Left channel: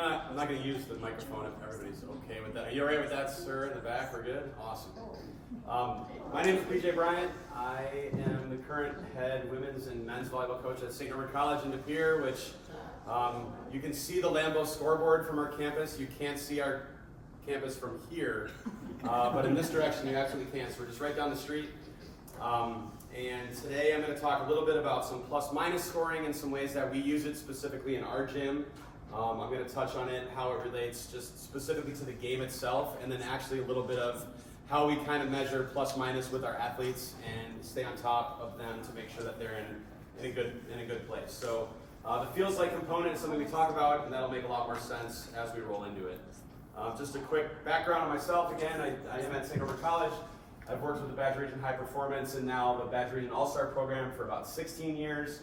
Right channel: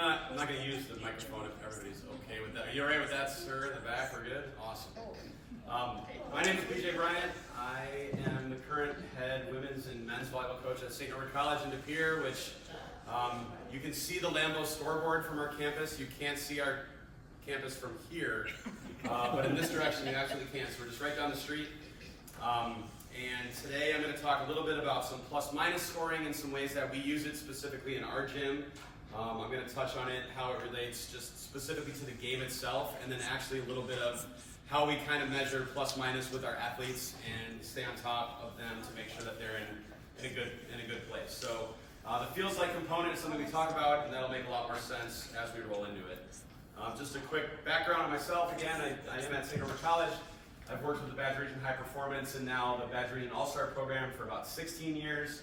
I'm not gonna use the microphone if everybody's okay with that. Are you alright with that, sir? In the back, we're good? Awesome. My name is Bryant. I am the current head women's and men's volleyball coach at St. Norbert College in De Pere, which you can see the Lambeau scoreboard from our campus. You can't see our campus from here, but in this direction you absolutely can. So we're just right down the street. And today I'm going to talk a little bit about some plus-minus scoring and some ways that we use it specifically in our gym. I'm going to touch on it, how it relates just specifically to the game itself, and then actually a little bit of how we kind of measure plus-minus with our athletes and stay on top of them to make sure that they're in a good place. So the feels like component is something we talk about, and that'll make a lot more sense as we roll into it. Just a quick background on myself. Again, I am at St. Norbert College. I've worked with the Badger Region High Performance and now the Badger Region All-Star program for about 16 years.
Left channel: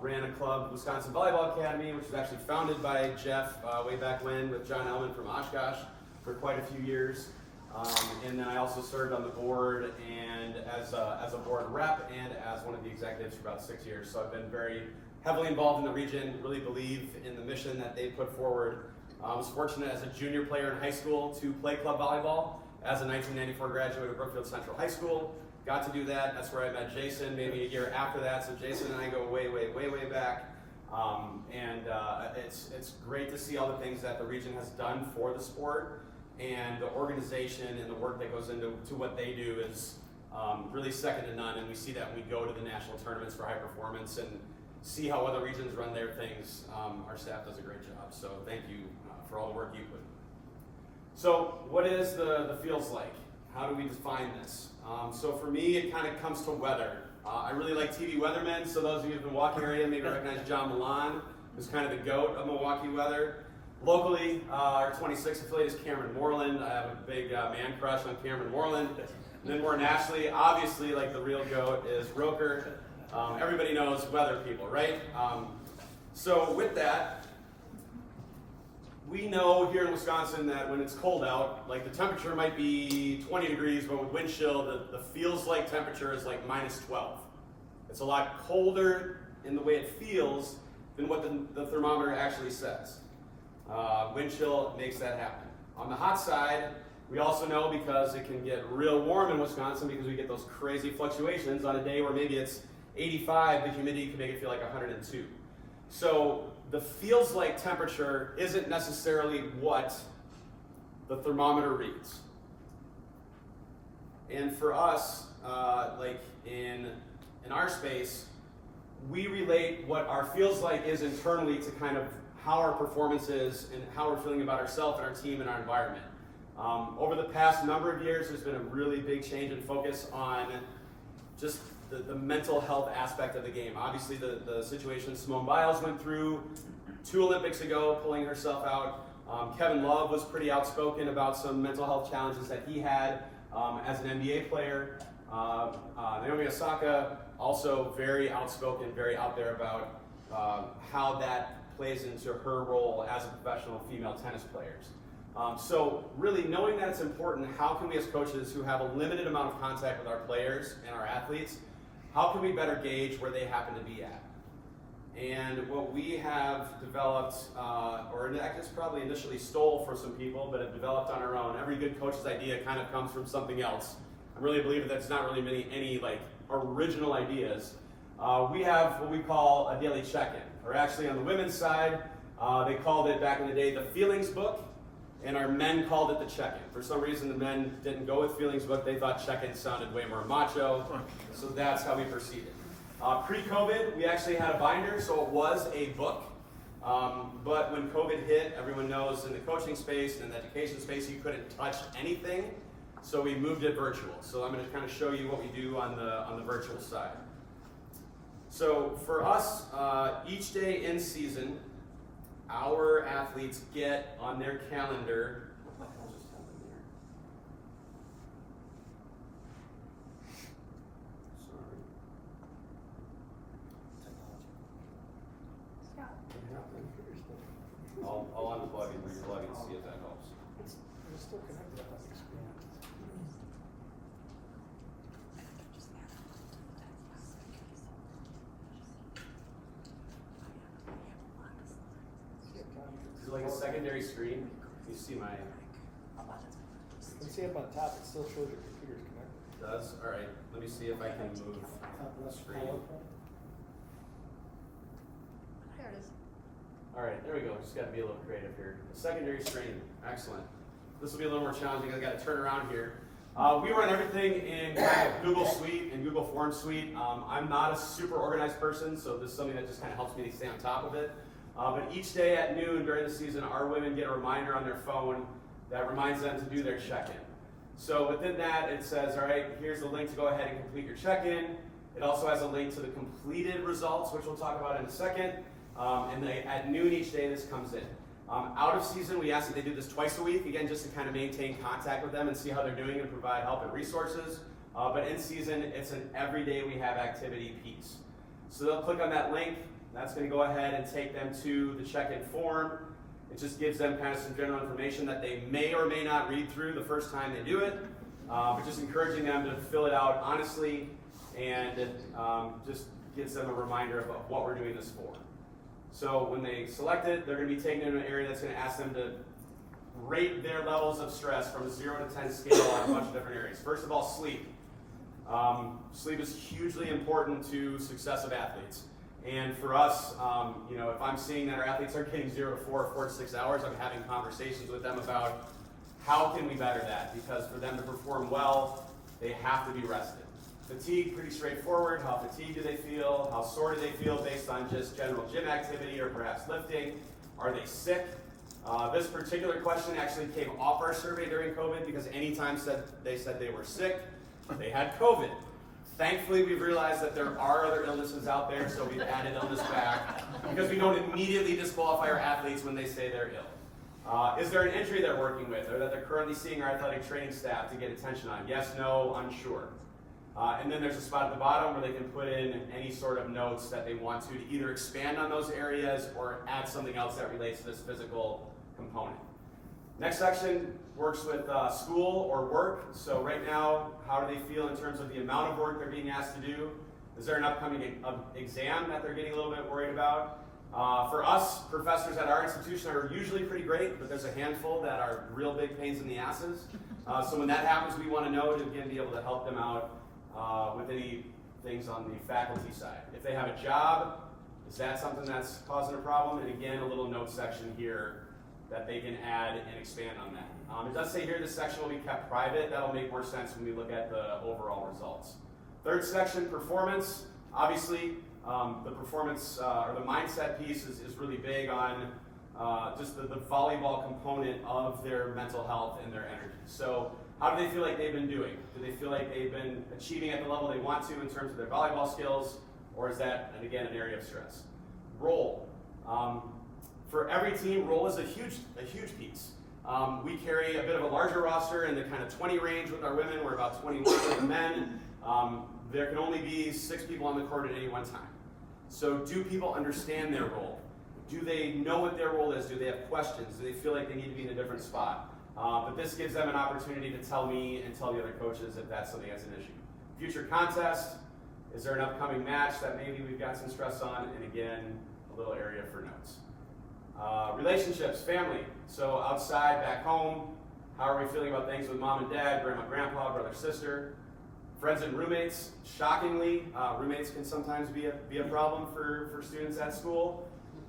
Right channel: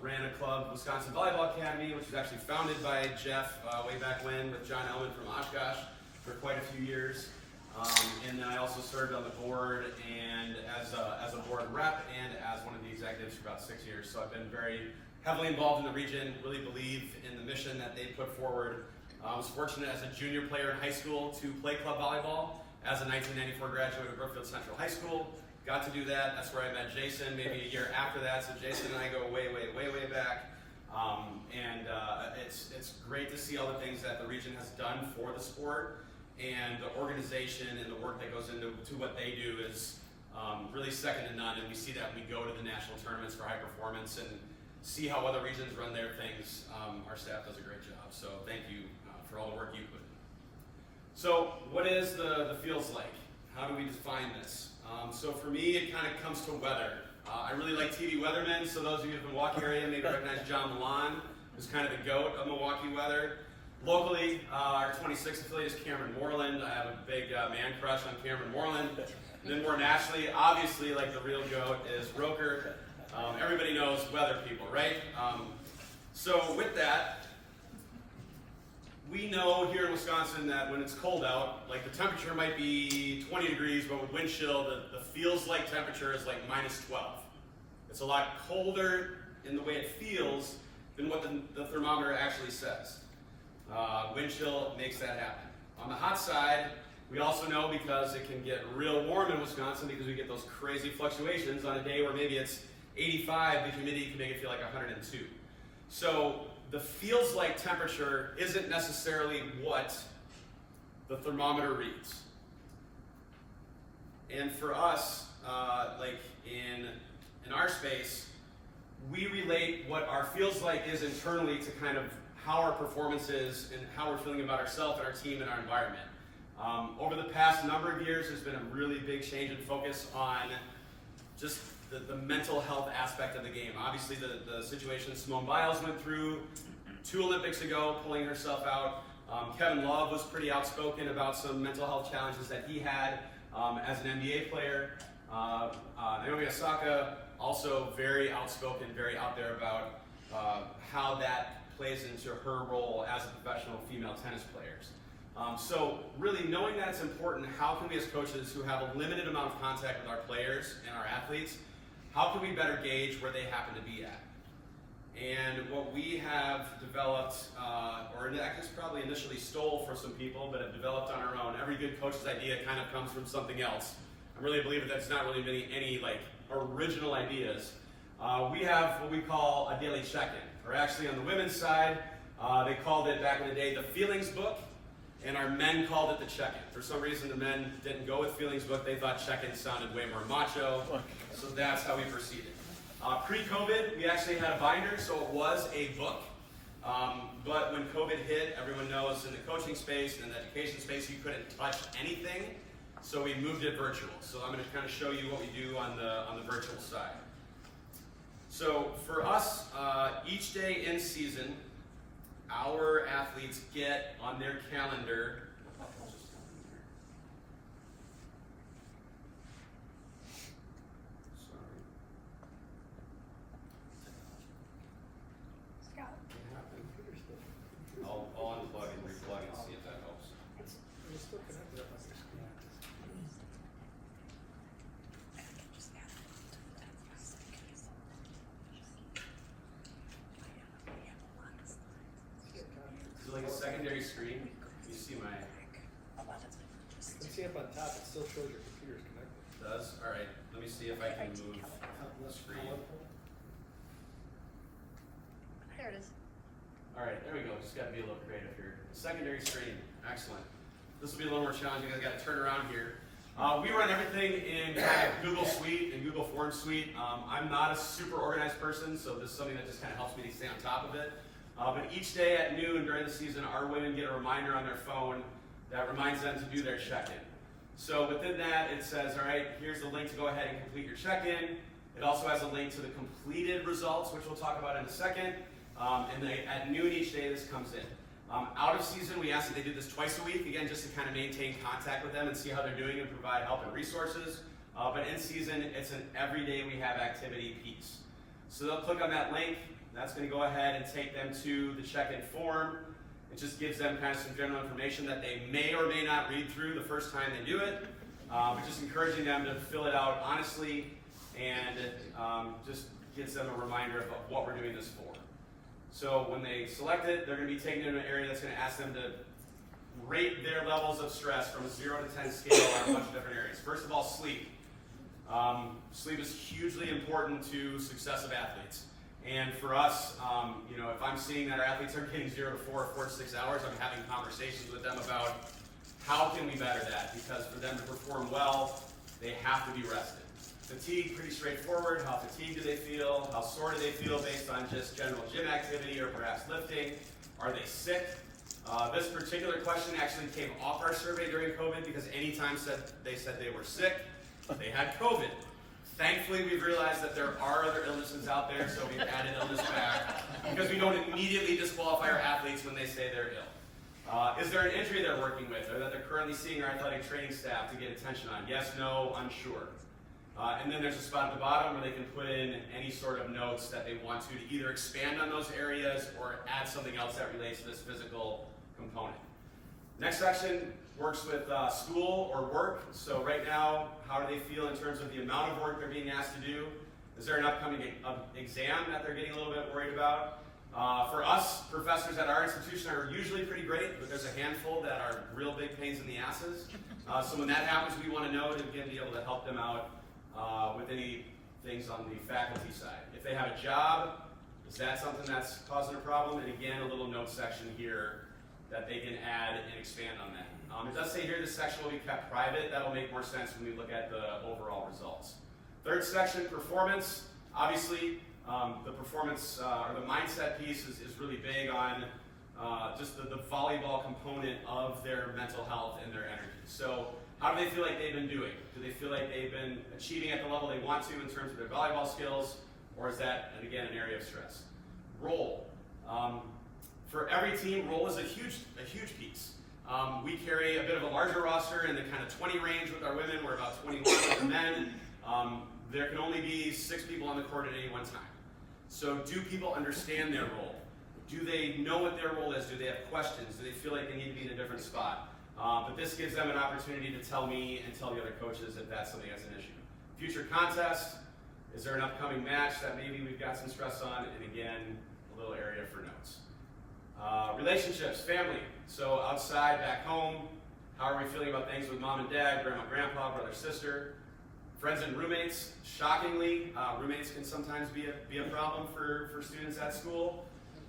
Ran a club, Wisconsin Volleyball Academy, which was actually founded by Jeff way back when with John Ellman from Oshkosh for quite a few years. And then I also served on the board and as a board rep and as one of the executives for about 6 years. So I've been very heavily involved in the region, really believe in the mission that they put forward. I was fortunate as a junior player in high school to play club volleyball. As a 1994 graduate of Brookfield Central High School, got to do that. That's where I met Jason maybe a year after that. So Jason and I go way back. It's great to see all the things that the region has done for the sport, and the organization and the work that goes into what they do is really second to none. And we see that when we go to the national tournaments for high performance and see how other regions run their things. Our staff does a great job. So thank you for all the work you put in. So what is the feels like? How do we define this? So for me, it kind of comes to weather. I really like TV weathermen, so those of you who've been walking area maybe recognize John Milan, who's kind of the GOAT of Milwaukee weather. Locally, our 26th affiliate is Cameron Moreland. I have a big man crush on Cameron Moreland. And then more nationally, obviously, like the real GOAT is Roker. Everybody knows weather people, right? So with that, we know here in Wisconsin that when it's cold out, like the temperature might be 20 degrees, but with wind chill, the feels like temperature is like minus 12. It's a lot colder in the way it feels than what the thermometer actually says. Wind chill makes that happen. On the hot side, we also know because it can get real warm in Wisconsin because we get those crazy fluctuations on a day where maybe it's 85, the humidity can make it feel like 102. So the feels like temperature isn't necessarily what the thermometer reads. And for us, like in our space, we relate what our feels like is internally to kind of how our performance is and how we're feeling about ourselves and our team and our environment. Over the past number of years, there's been a really big change in focus on just the mental health aspect of the game. Obviously, the situation Simone Biles went through 2 Olympics ago, pulling herself out. Kevin Love was pretty outspoken about some mental health challenges that he had as an NBA player. Naomi Osaka, also very outspoken, very out there about how that plays into her role as a professional female tennis player. So really knowing that it's important, how can we as coaches who have a limited amount of contact with our players and our athletes, how can we better gauge where they happen to be at? And what we have developed, or I guess probably initially stole for some people, but have developed on our own. Every good coach's idea kind of comes from something else. I really believe that there's not really any like original ideas. We have what we call a daily check-in, or actually on the women's side, they called it back in the day the feelings book, and our men called it the check-in. For some reason, the men didn't go with feelings book. They thought check-in sounded way more macho, so that's how we proceeded. Pre-COVID, we actually had a binder, so it was a book. But when COVID hit, everyone knows in the coaching space and in the education space, you couldn't touch anything, so we moved it virtual. So I'm going to kind of show you what we do on the virtual side. So for us, each day in season, our athletes get on their calendar. I'll unplug and replug and see if that helps. Like I secondary screen. You see my... You see up on top, it still shows your computer's connected. Does? All right. Let me see if I can move the screen. There it is. All right, there we go. Just got to be a little creative here. The secondary screen. Excellent. This will be a little more challenging. I've got to turn around here. We run everything in kind of Google Suite and Google Forms Suite. I'm not a super organized person, so this is something that just kind of helps me to stay on top of it. But each day at noon during the season, our women get a reminder on their phone that reminds them to do their check-in. So within that, it says, all right, here's the link to go ahead and complete your check-in. It also has a link to the completed results, which we'll talk about in a second. At noon each day, this comes in. Out of season, we ask that they do this twice a week, again, just to kind of maintain contact with them and see how they're doing and provide help and resources. But in season, it's an everyday we have activity piece. So they'll click on that link. That's going to go ahead and take them to the check-in form. It just gives them kind of some general information that they may or may not read through the first time they do it. But just encouraging them to fill it out honestly and just gives them a reminder of what we're doing this for. So when they select it, they're going to be taken into an area that's going to ask them to rate their levels of stress from a 0 to 10 scale on a bunch of different areas. First of all, sleep. Sleep is hugely important to success of athletes. And for us, if I'm seeing that our athletes are getting 0 to 4 or 4 to 6 hours, I'm having conversations with them about how can we better that? Because for them to perform well, they have to be rested. Fatigue, pretty straightforward. How fatigued do they feel? How sore do they feel based on just general gym activity or perhaps lifting? Are they sick? This particular question actually came off our survey during COVID because anytime they said they were sick, they had COVID. Thankfully, we've realized that there are other illnesses out there, so we've added illness back because we don't immediately disqualify our athletes when they say they're ill. Is there an injury they're working with or that they're currently seeing our athletic training staff to get attention on? Yes, no, unsure. And then there's a spot at the bottom where they can put in any sort of notes that they want to either expand on those areas or add something else that relates to this physical component. Next section works with school or work. So right now, how do they feel in terms of the amount of work they're being asked to do? Is there an upcoming exam that they're getting a little bit worried about? For us, professors at our institution are usually pretty great, but there's a handful that are real big pains in the asses. So when that happens, we want to know to again be able to help them out with any things on the faculty side. If they have a job, is that something that's causing a problem? And again, a little note section here that they can add and expand on that. It does say here this section will be kept private. That'll make more sense when we look at the overall results. Third section, performance. Obviously, the performance or the mindset piece is really big on just the volleyball component of their mental health and their energy. So how do they feel like they've been doing? Do they feel like they've been achieving at the level they want to in terms of their volleyball skills? Or is that, and again, an area of stress? Role. For every team, role is a huge piece. We carry a bit of a larger roster in the kind of 20 range with our women. We're about 21 with the men. There can only be 6 people on the court at any one time. So do people understand their role? Do they know what their role is? Do they have questions? Do they feel like they need to be in a different spot? But this gives them an opportunity to tell me and tell the other coaches if that's something that's an issue. Future contest. Is there an upcoming match that maybe we've got some stress on? And again, a little area for notes. Relationships, family. So outside, back home, how are we feeling about things with mom and dad, grandma, grandpa, brother, sister? Friends and roommates. Shockingly, roommates can sometimes be a problem for students at school.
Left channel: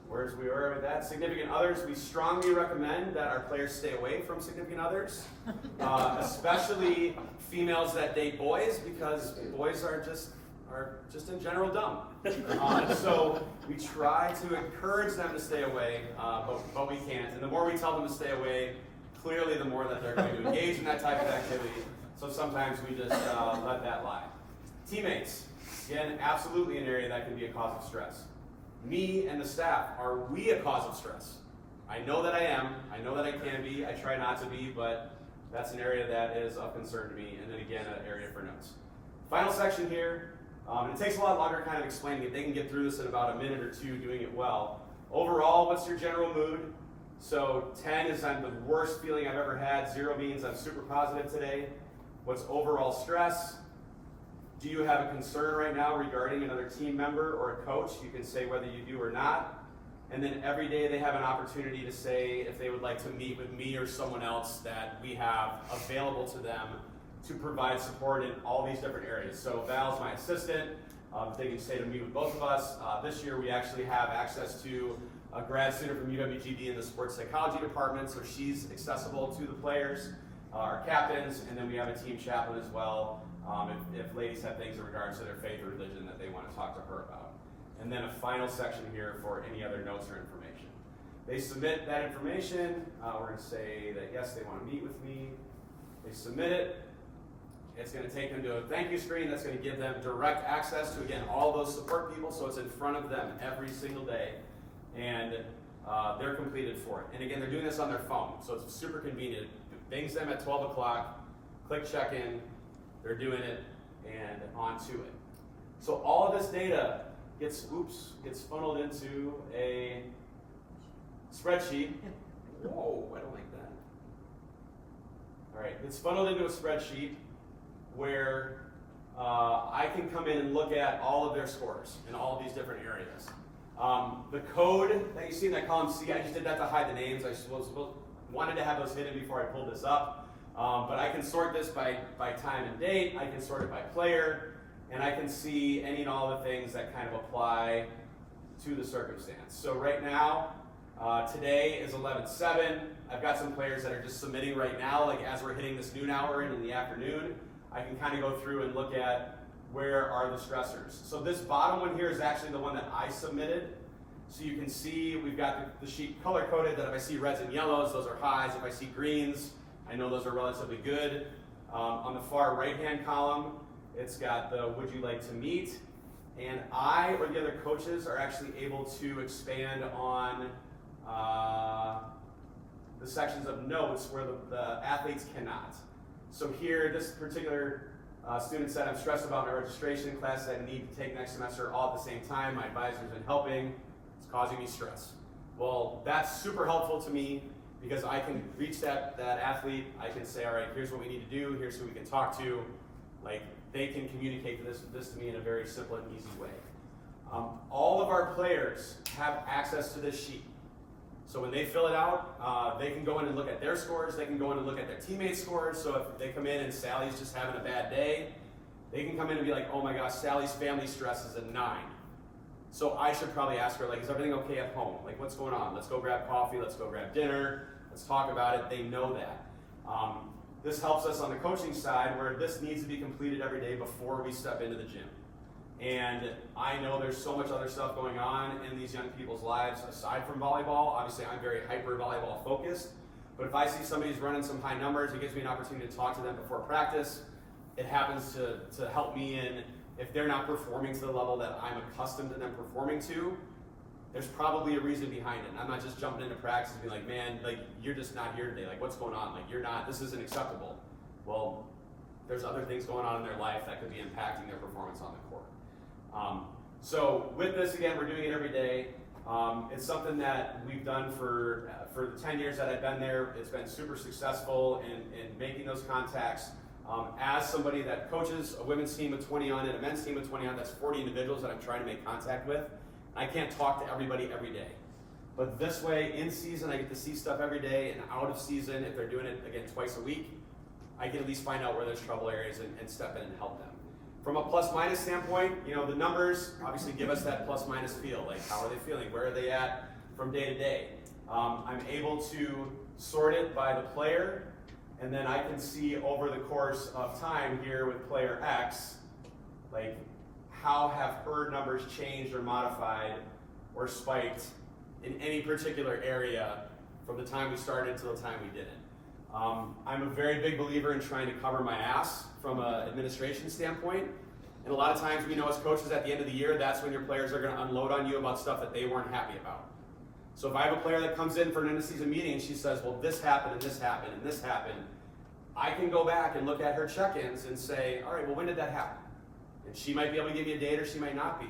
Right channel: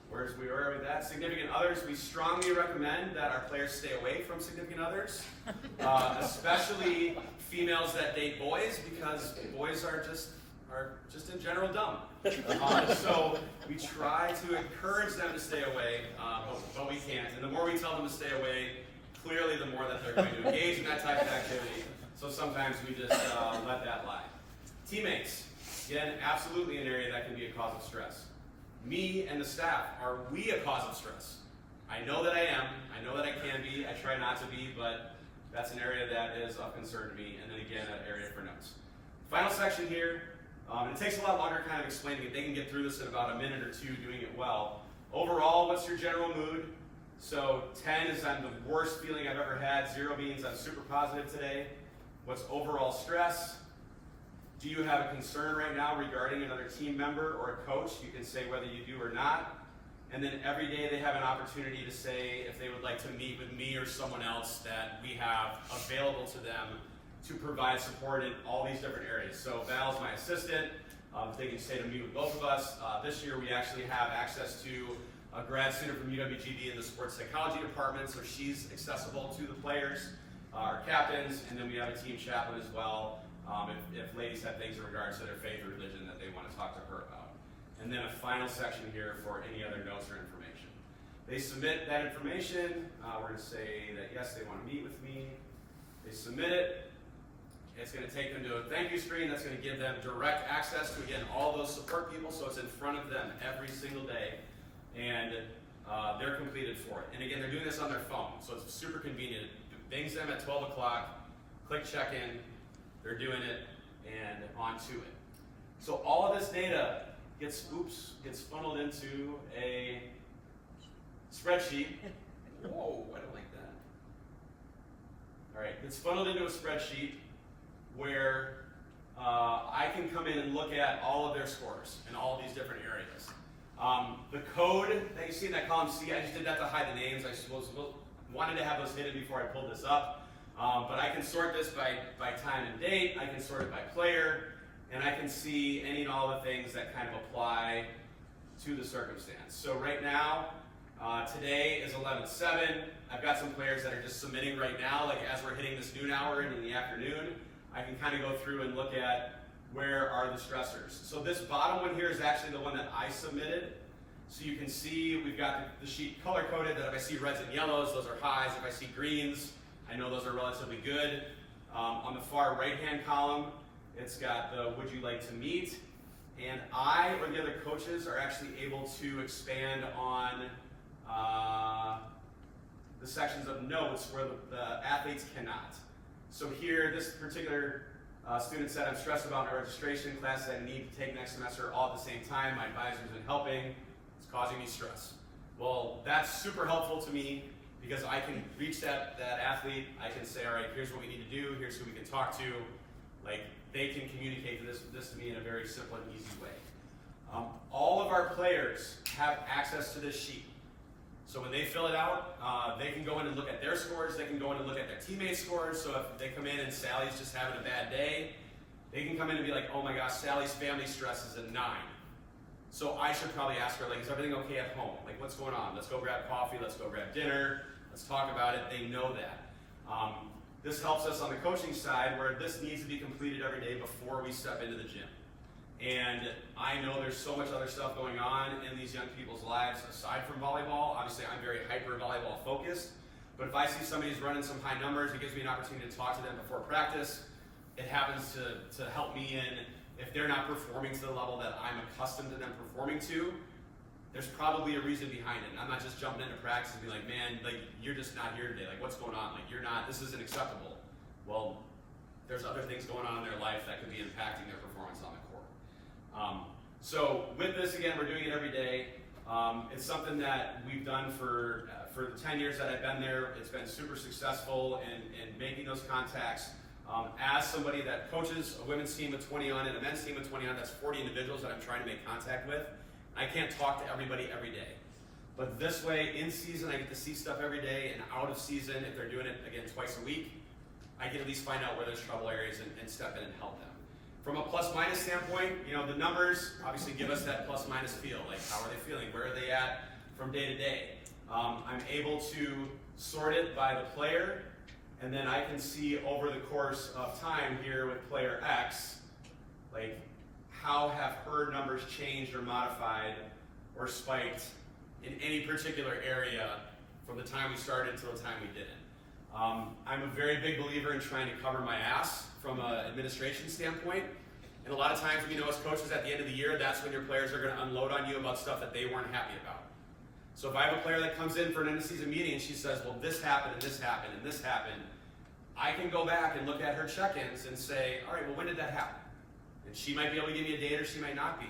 Whereas we are with that. Significant others, we strongly recommend that our players stay away from significant others, especially females that date boys, because boys are just in general dumb. So we try to encourage them to stay away, but we can't. And the more we tell them to stay away, clearly the more that they're going to engage in that type of activity. So sometimes we just let that lie. Teammates, again, absolutely an area that can be a cause of stress. Me and the staff, are we a cause of stress? I know that I am. I know that I can be. I try not to be, but that's an area that is of concern to me. And then again, an area for notes. Final section here. It takes a lot longer kind of explaining it. They can get through this in about a minute or two doing it well. Overall, what's your general mood? So 10 is I'm the worst feeling I've ever had. 0 means I'm super positive today. What's overall stress? Do you have a concern right now regarding another team member or a coach? You can say whether you do or not. And then every day they have an opportunity to say if they would like to meet with me or someone else that we have available to them to provide support in all these different areas. So Val's my assistant. They can stay to meet with both of us. This year we actually have access to a grad student from UWGB in the sports psychology department, so she's accessible to the players, our captains, and then we have a team chaplain as well, if ladies have things in regards to their faith or religion that they want to talk to her about. And then a final section here for any other notes or information. They submit that information. We're going to say that yes, they want to meet with me. They submit it. It's going to take them to a thank you screen that's going to give them direct access to, again, all those support people, so it's in front of them every single day, and they're completed for it. And again, they're doing this on their phone, so it's super convenient. It bings them at 12 o'clock, click check-in, they're doing it, and on to it. So all of this data gets funneled into a spreadsheet. Whoa, I don't like that. All right, it's funneled into a spreadsheet where I can come in and look at all of their scores in all of these different areas. The code that you see in that column C, I just did that to hide the names. I wanted to have those hidden before I pulled this up. But I can sort this by time and date. I can sort it by player. And I can see any and all the things that kind of apply to the circumstance. So right now, today is 11/7. I've got some players that are just submitting right now, like as we're hitting this noon hour and in the afternoon. I can kind of go through and look at where are the stressors. So this bottom one here is actually the one that I submitted. So you can see we've got the sheet color-coded that if I see reds and yellows, those are highs. If I see greens, I know those are relatively good. On the far right-hand column, it's got the would you like to meet? And I or the other coaches are actually able to expand on the sections of notes where the athletes cannot. So here, this particular student said, I'm stressed about my registration classes I need to take next semester all at the same time. My advisor's been helping. It's causing me stress. Well, that's super helpful to me because I can reach that athlete. I can say, all right, here's what we need to do. Here's who we can talk to. Like, they can communicate this to me in a very simple and easy way. All of our players have access to this sheet. So when they fill it out, they can go in and look at their scores. They can go in and look at their teammates' scores. So if they come in and Sally's just having a bad day, they can come in and be like, oh my gosh, Sally's family stress is a 9. So I should probably ask her, like, is everything okay at home? Like, what's going on? Let's go grab coffee. Let's go grab dinner. Let's talk about it. They know that. This helps us on the coaching side where this needs to be completed every day before we step into the gym. And I know there's so much other stuff going on in these young people's lives aside from volleyball. Obviously, I'm very hyper volleyball focused. But if I see somebody's running some high numbers, it gives me an opportunity to talk to them before practice. It happens to help me in if they're not performing to the level that I'm accustomed to them performing to. There's probably a reason behind it. And I'm not just jumping into practice and being like, man, like you're just not here today. Like what's going on? Like you're not, this isn't acceptable. Well, there's other things going on in their life that could be impacting their performance on the court. So with this, again, we're doing it every day. It's something that we've done for the 10 years that I've been there. It's been super successful in making those contacts. As somebody that coaches a women's team with 20 on it, a men's team with 20 on, that's 40 individuals that I'm trying to make contact with. I can't talk to everybody every day. But this way, in season, I get to see stuff every day, and out of season, if they're doing it, again, twice a week, I can at least find out where there's trouble areas and step in and help them. From a plus-minus standpoint, you know, the numbers obviously give us that plus-minus feel. Like, how are they feeling? Where are they at from day to day? I'm able to sort it by the player, and then I can see over the course of time here with player X, like, how have her numbers changed or modified or spiked in any particular area from the time we started to the time we did it. I'm a very big believer in trying to cover my ass from an administration standpoint. And a lot of times we know as coaches at the end of the year, that's when your players are going to unload on you about stuff that they weren't happy about. So if I have a player that comes in for an end-of-season meeting and she says, well, this happened and this happened and this happened, I can go back and look at her check-ins and say, all right, well, when did that happen? And she might be able to give me a date or she might not be.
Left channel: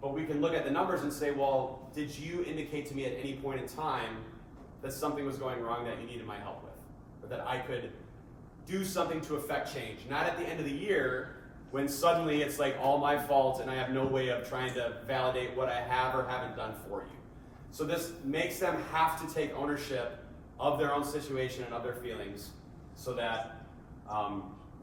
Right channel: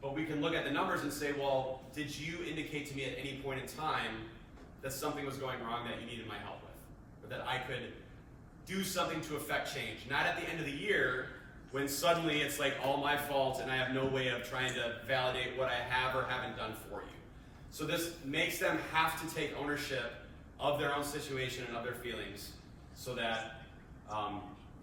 But we can look at the numbers and say, well, did you indicate to me at any point in time that something was going wrong that you needed my help with? Or that I could do something to affect change? Not at the end of the year when suddenly it's like all my fault and I have no way of trying to validate what I have or haven't done for you. So this makes them have to take ownership of their own situation and of their feelings so that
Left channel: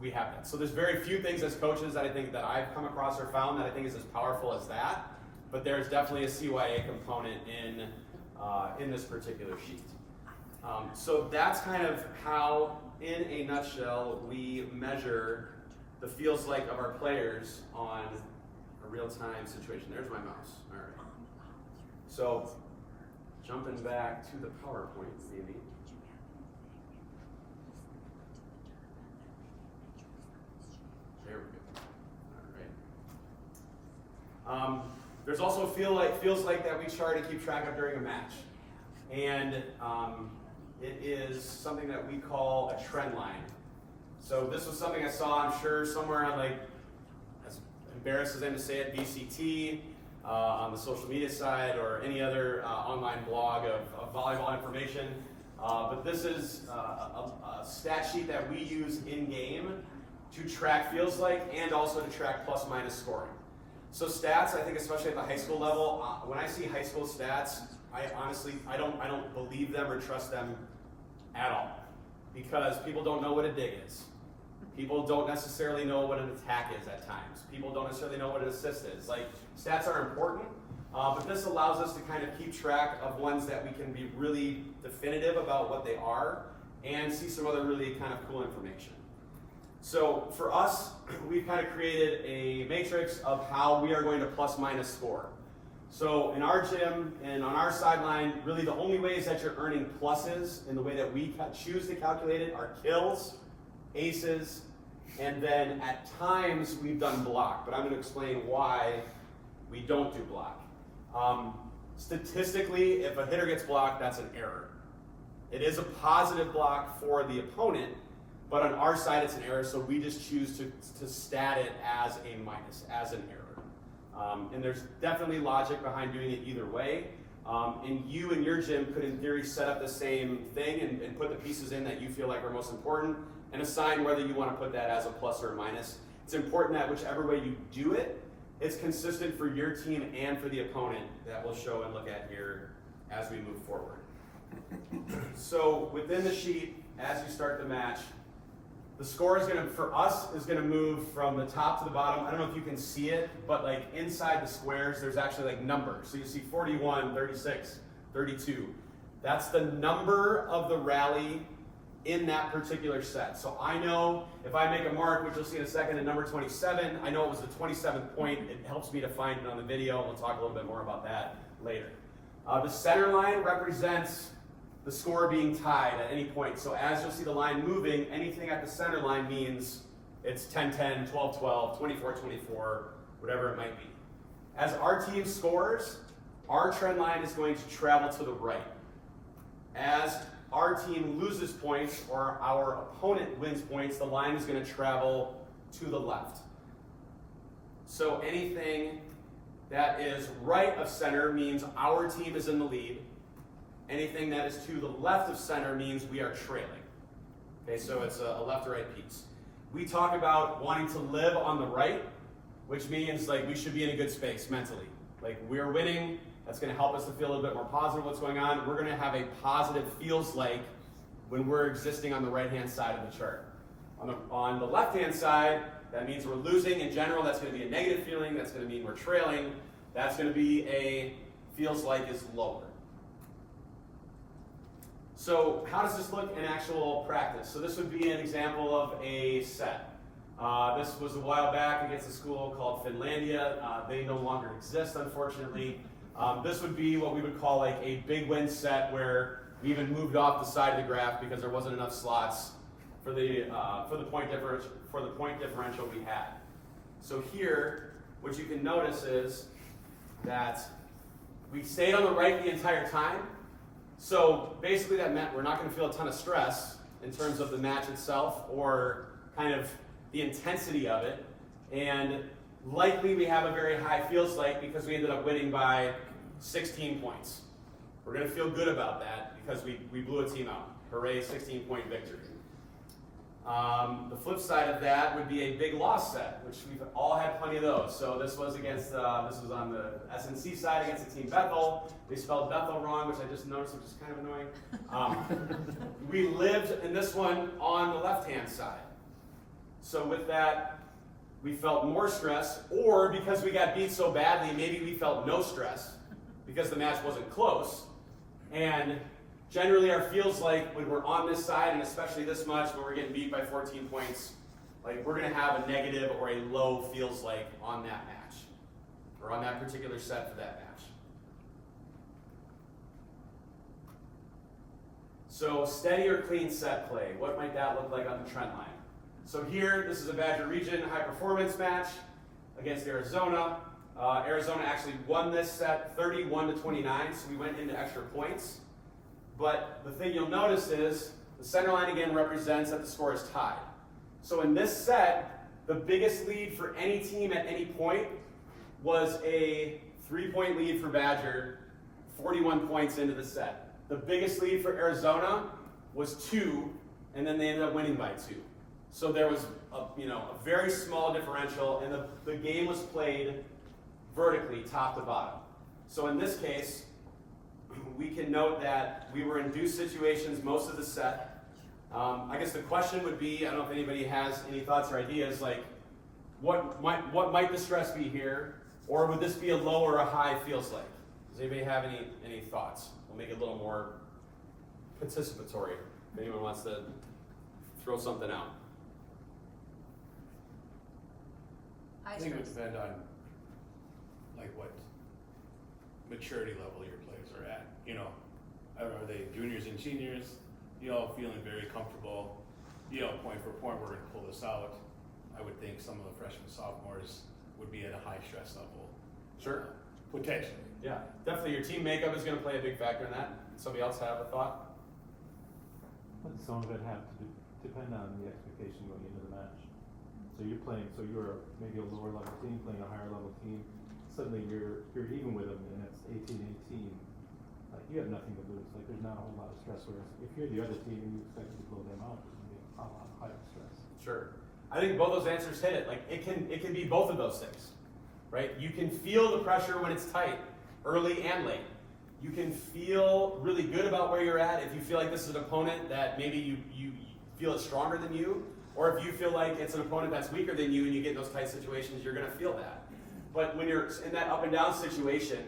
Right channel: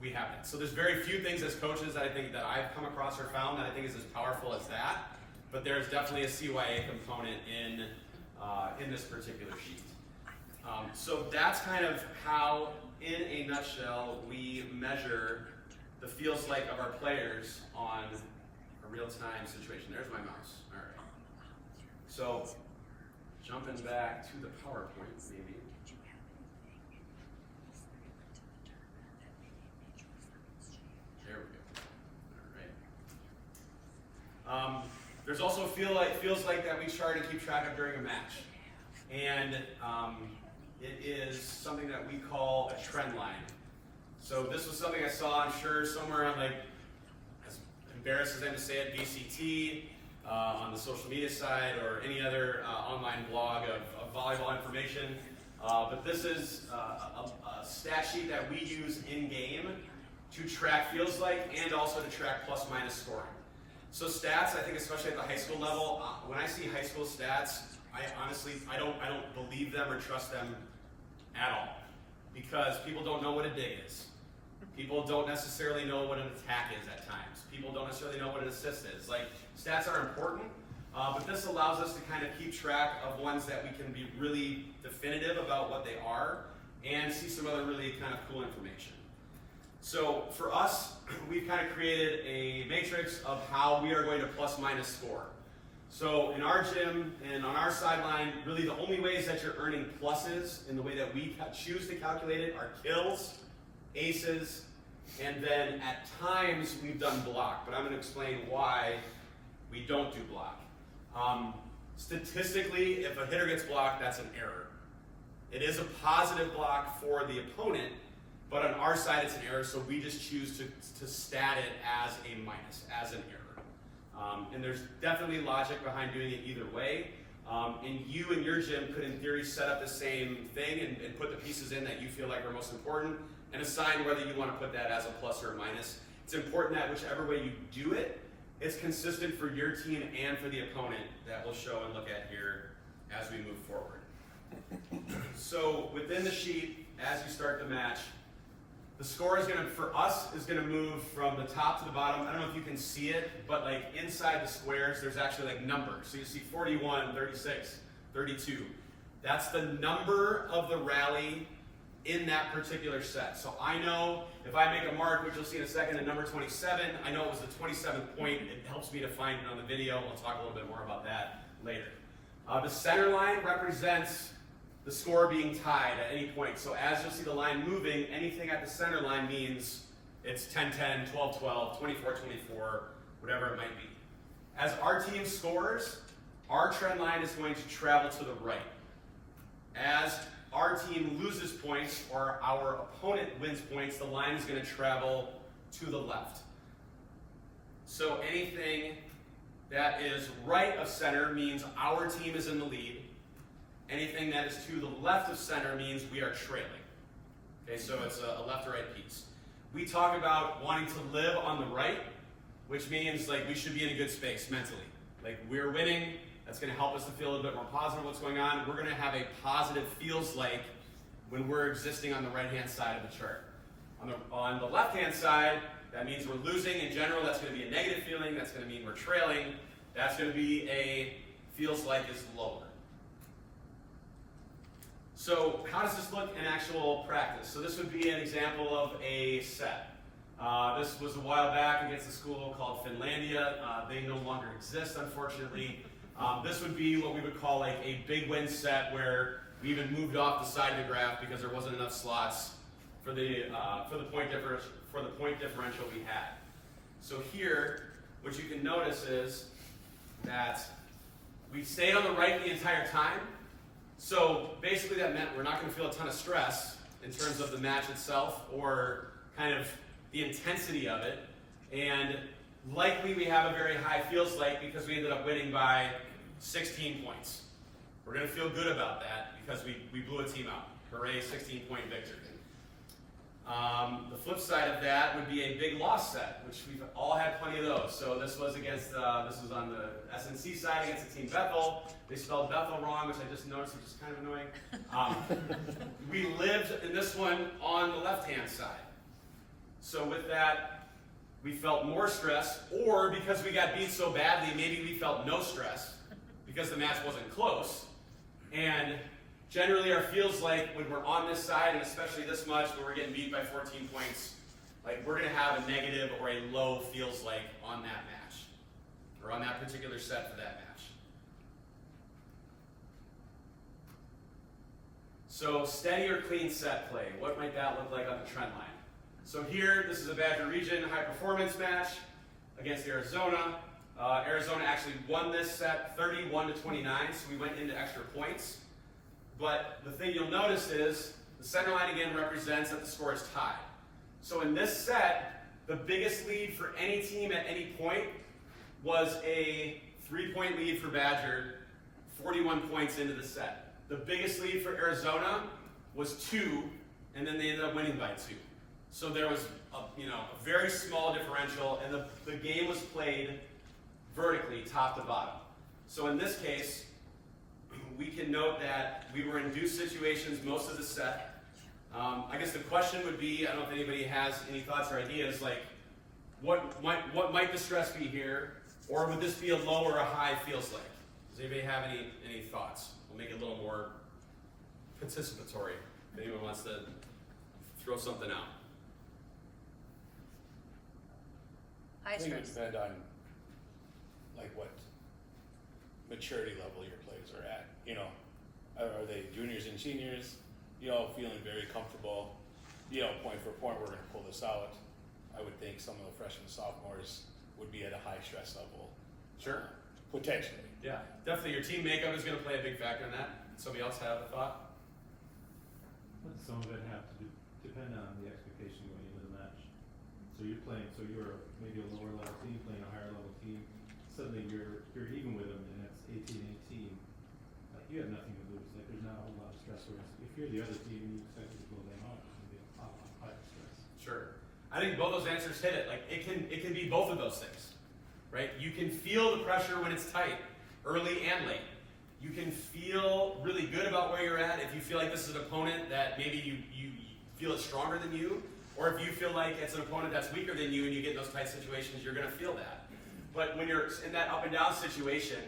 we have that. So there's very few things as coaches that I think that I've come across or found that I think is as powerful as that, but there's definitely a CYA component in this particular sheet. So that's kind of how, in a nutshell, we measure the feels like of our players on a real-time situation. There's my mouse. All right. So jumping back to the PowerPoint, maybe. There we go. All right. There's also feels like that we try to keep track of during a match, and it is something that we call a trend line. So this was something I saw, I'm sure, somewhere on, like, as embarrassed as I'm to say it, VCT, on the social media side, or any other online blog of volleyball information. But this is a stat sheet that we use in-game to track feels like, and also to track plus-minus scoring. So stats, I think especially at the high school level, when I see high school stats, I honestly don't believe them or trust them at all, because people don't know what a dig is. People don't necessarily know what an attack is at times. People don't necessarily know what an assist is. Like, stats are important, but this allows us to kind of keep track of ones that we can be really definitive about what they are and see some other really kind of cool information. So for us, we've kind of created a matrix of how we are going to plus minus score. So in our gym and on our sideline, really the only ways that you're earning pluses in the way that we choose to calculate it are kills, aces, and then at times we've done block, but I'm going to explain why we don't do block. Statistically, if a hitter gets blocked, that's an error. It is a positive block for the opponent, but on our side it's an error, so we just choose to stat it as a minus, as an error. And there's definitely logic behind doing it either way. And you and your gym could, in theory, set up the same thing and put the pieces in that you feel like are most important and assign whether you want to put that as a plus or a minus. It's important that whichever way you do it, it's consistent for your team and for the opponent, that we'll show and look at here as we move forward. So within the sheet, as you start the match, the score is for us, move from the top to the bottom. I don't know if you can see it, but like inside the squares, there's actually like numbers. So you see 41, 36, 32. That's the number of the rally in that particular set. So I know if I make a mark, which you'll see in a second, at number 27, I know it was the 27th point. It helps me to find it on the video, and we'll talk a little bit more about that later. The center line represents the score being tied at any point. So as you'll see the line moving, anything at the center line means it's 10-10, 12-12, 24-24, whatever it might be. As our team scores, our trend line is going to travel to the right. As our team loses points or our opponent wins points, the line is going to travel to the left. So anything that is right of center means our team is in the lead. Anything that is to the left of center means we are trailing. Okay, so it's a left or right piece. We talk about wanting to live on the right, which means like we should be in a good space mentally. Like we're winning, that's going to help us to feel a little bit more positive what's going on. We're going to have a positive feels like when we're existing on the right-hand side of the chart. On the left-hand side, that means we're losing in general. That's going to be a negative feeling. That's going to mean we're trailing. That's going to be a feels like is lower. So how does this look in actual practice? So this would be an example of a set. This was a while back against a school called Finlandia. They no longer exist, unfortunately. This would be what we would call like a big win set where we even moved off the side of the graph because there wasn't enough slots for the point differential we had. So here, what you can notice is that we stayed on the right the entire time. So basically that meant we're not going to feel a ton of stress in terms of the match itself or kind of the intensity of it. And likely we have a very high feels like because we ended up winning by 16 points. We're going to feel good about that because we blew a team out. Hooray, 16-point victory. The flip side of that would be a big loss set, which we've all had plenty of those. So this was against, this was on the SNC side against the team Bethel. They spelled Bethel wrong, which I just noticed, which is kind of annoying. We lived in this one on the left-hand side. So with that, we felt more stress, or because we got beat so badly, maybe we felt no stress because the match wasn't close. And generally our feels like when we're on this side, and especially this much, when we're getting beat by 14 points, like we're gonna have a negative or a low feels like on that match, or on that particular set for that match. So steady or clean set play, what might that look like on the trend line? So here, this is a Badger Region high performance match against Arizona. Arizona actually won this set 31-29, so we went into extra points. But the thing you'll notice is the center line again represents that the score is tied. So in this set, the biggest lead for any team at any point was a 3-point lead for Badger, 41 points into the set. The biggest lead for Arizona was 2, and then they ended up winning by 2. So there was a very small differential, and the game was played vertically, top to bottom. So in this case, we can note that we were in deuce situations most of the set. I guess the question would be, I don't know if anybody has any thoughts or ideas, like what might the stress be here, or would this be a low or a high feels like? Does anybody have any thoughts? We'll make it a little more participatory if anyone wants to throw something out. I think it would depend on like what maturity level your players are at. Are they juniors and seniors? Feeling very comfortable. Point for point, we're going to pull this out. I would think some of the freshmen, sophomores would be at a high stress level. Sure. Potentially. Yeah, definitely. Your team makeup is going to play a big factor in that. Somebody else have a thought? But some of it have to depend on the expectation going into the match. So you're maybe a lower level team playing a higher level team. Suddenly you're even with them, and it's 18-18. Like you have nothing to lose. Like there's not a whole lot of stress. Whereas if you're the other team and you expect to blow them out, it's gonna be a lot higher stress. Sure. I think both those answers hit it. Like it can be both of those things, right? You can feel the pressure when it's tight, early and late. You can feel really good about where you're at if you feel like this is an opponent that maybe you feel is stronger than you, or if you feel like it's an opponent that's weaker than you and you get in those tight situations, you're going to feel that. But when you're in that up and down situation,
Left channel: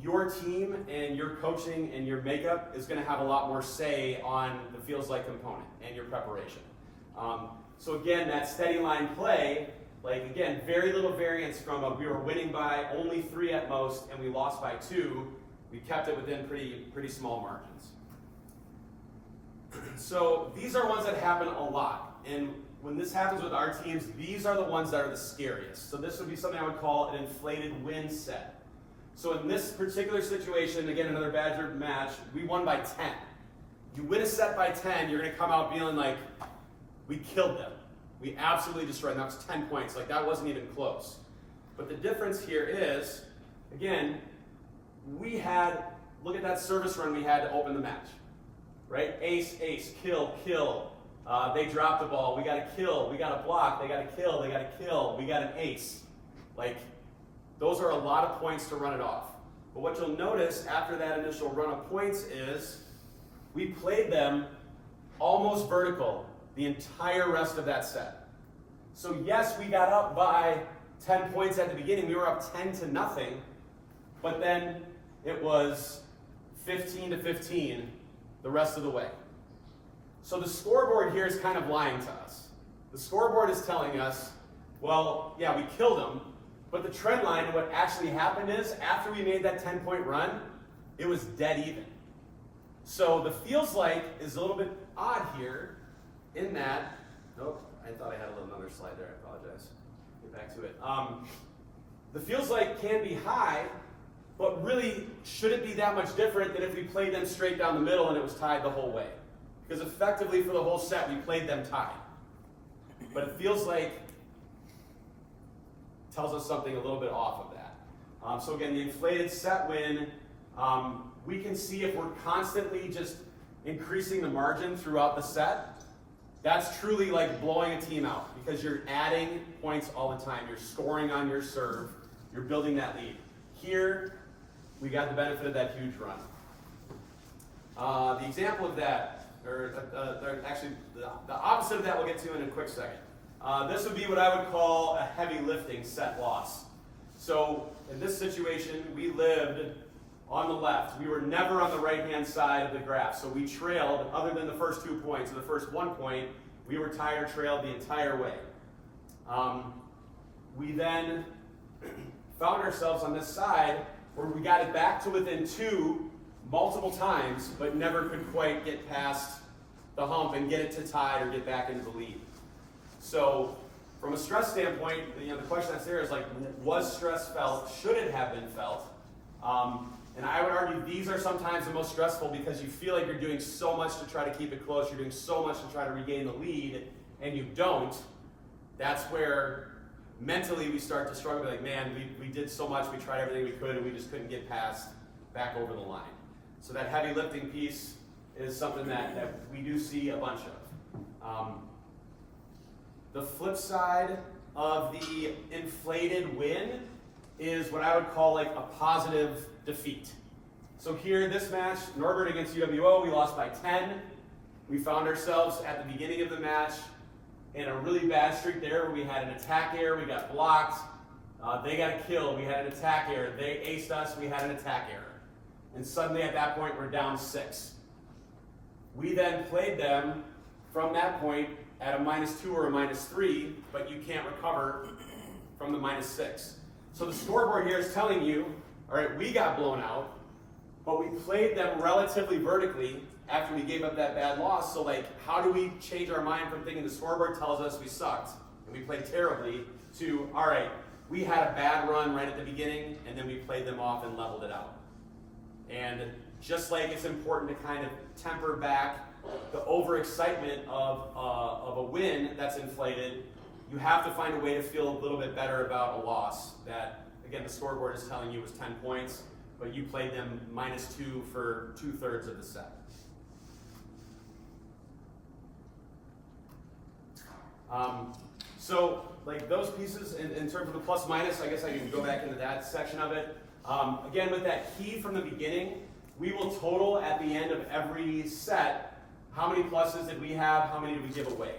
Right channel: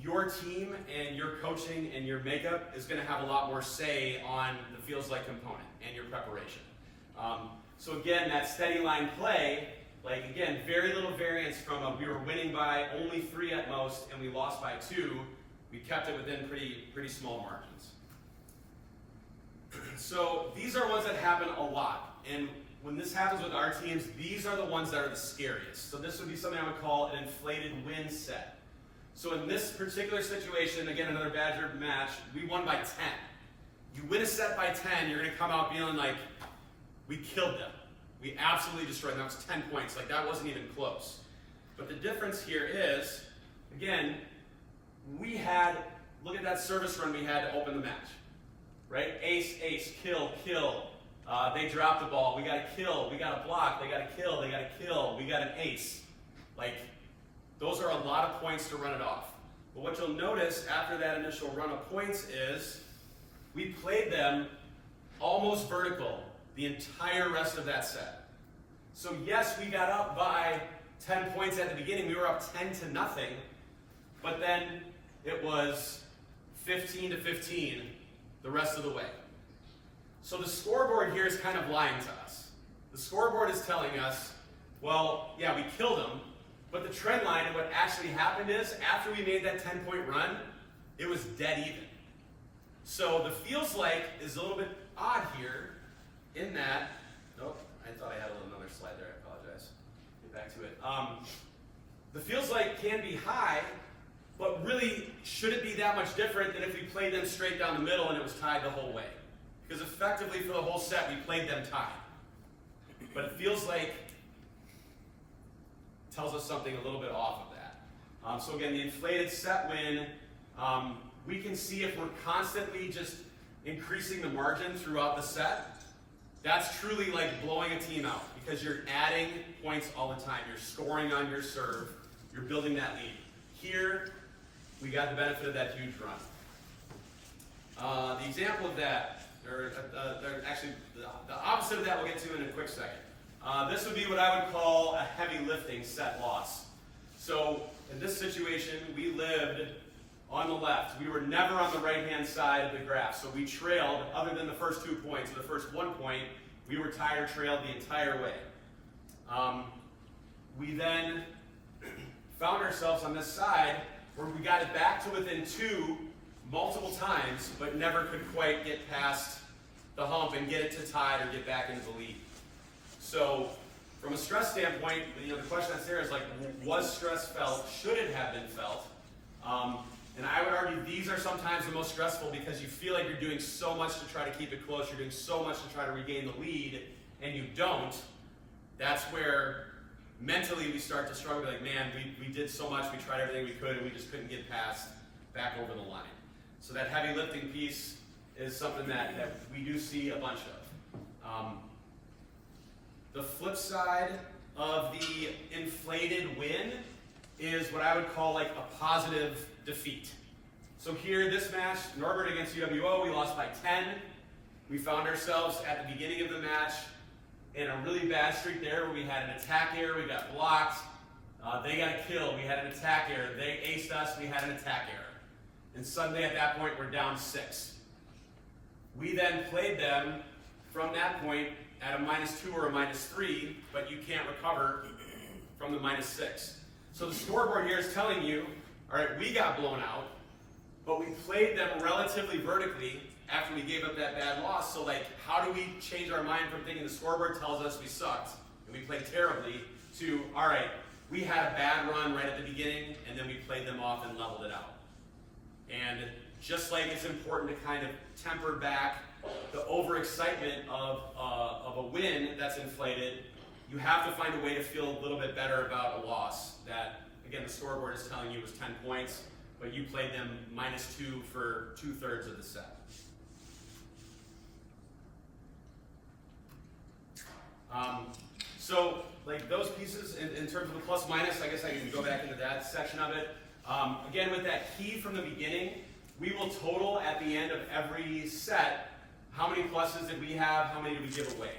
your team and your coaching and your makeup is going to have a lot more say on the feels like component and your preparation. So again, that steady line play, like again, very little variance from we were winning by only 3 at most and we lost by 2. We kept it within pretty small margins. So these are ones that happen a lot. And when this happens with our teams, these are the ones that are the scariest. So this would be something I would call an inflated win set. So in this particular situation, again, another Badger match, we won by 10. You win a set by 10, you're going to come out feeling like we killed them. We absolutely destroyed them. That was 10 points. Like that wasn't even close. But the difference here is, again, look at that service run we had to open the match, right? Ace, ace, kill, kill. They dropped the ball. We got a kill. We got a block. They got a kill. They got a kill. We got an ace. Like, those are a lot of points to run it off. But what you'll notice after that initial run of points is we played them almost vertical the entire rest of that set. So yes, we got up by 10 points at the beginning. We were up 10-0, but then it was 15-15 the rest of the way. So the scoreboard here is kind of lying to us. The scoreboard is telling us, well, yeah, we killed them, but the trend line and what actually happened is after we made that 10-point run, it was dead even. So the feels like is a little bit odd here in that, nope, I thought I had another slide there, I apologize. Get back to it. The feels like can be high, but really, should it be that much different than if we played them straight down the middle and it was tied the whole way? Because effectively for the whole set, we played them tied. But it feels like tells us something a little bit off of that. So again, the inflated set win, we can see if we're constantly just increasing the margin throughout the set, That's truly like blowing a team out because you're adding points all the time. You're scoring on your serve. You're building that lead. Here, we got the benefit of that huge run. The example of that, or actually the opposite of that we'll get to in a quick second. This would be what I would call a heavy lifting set loss. So in this situation, we lived on the left. We were never on the right-hand side of the graph. So we trailed, other than the first 2 points, or the first 1 point, we were tied or trailed the entire way. We then found ourselves on this side where we got it back to within 2 multiple times, but never could quite get past the hump and get it to tie or get back into the lead. So from a stress standpoint, the question that's there is like, was stress felt? Should it have been felt? And I would argue these are sometimes the most stressful because you feel like you're doing so much to try to keep it close, you're doing so much to try to regain the lead, and you don't. That's where mentally we start to struggle, like, man, we did so much, we tried everything we could, and we just couldn't get past back over the line. So that heavy lifting piece is something that we do see a bunch of. The flip side of the inflated win is what I would call like a positive defeat. So here, this match, Norbert against UWO, we lost by 10. We found ourselves at the beginning of the match in a really bad streak there where we had an attack error, we got blocked, they got a kill, we had an attack error, they aced us, we had an attack error. And suddenly at that point, we're down 6. We then played them from that point at a -2 or a -3, but you can't recover from the -6. So the scoreboard here is telling you, all right, we got blown out, but we played them relatively vertically after we gave up that bad loss. So like, how do we change our mind from thinking the scoreboard tells us we sucked and we played terribly to, all right, we had a bad run right at the beginning and then we played them off and leveled it out. And just like it's important to kind of temper back the overexcitement of a win that's inflated, you have to find a way to feel a little bit better about a loss that, again, the scoreboard is telling you was 10 points, but you played them -2 for 2/3 of the set. So, like those pieces, in terms of the plus minus, I guess I can go back into that section of it. Again, with that key from the beginning, we will total at the end of every set how many pluses did we have, how many did we give away.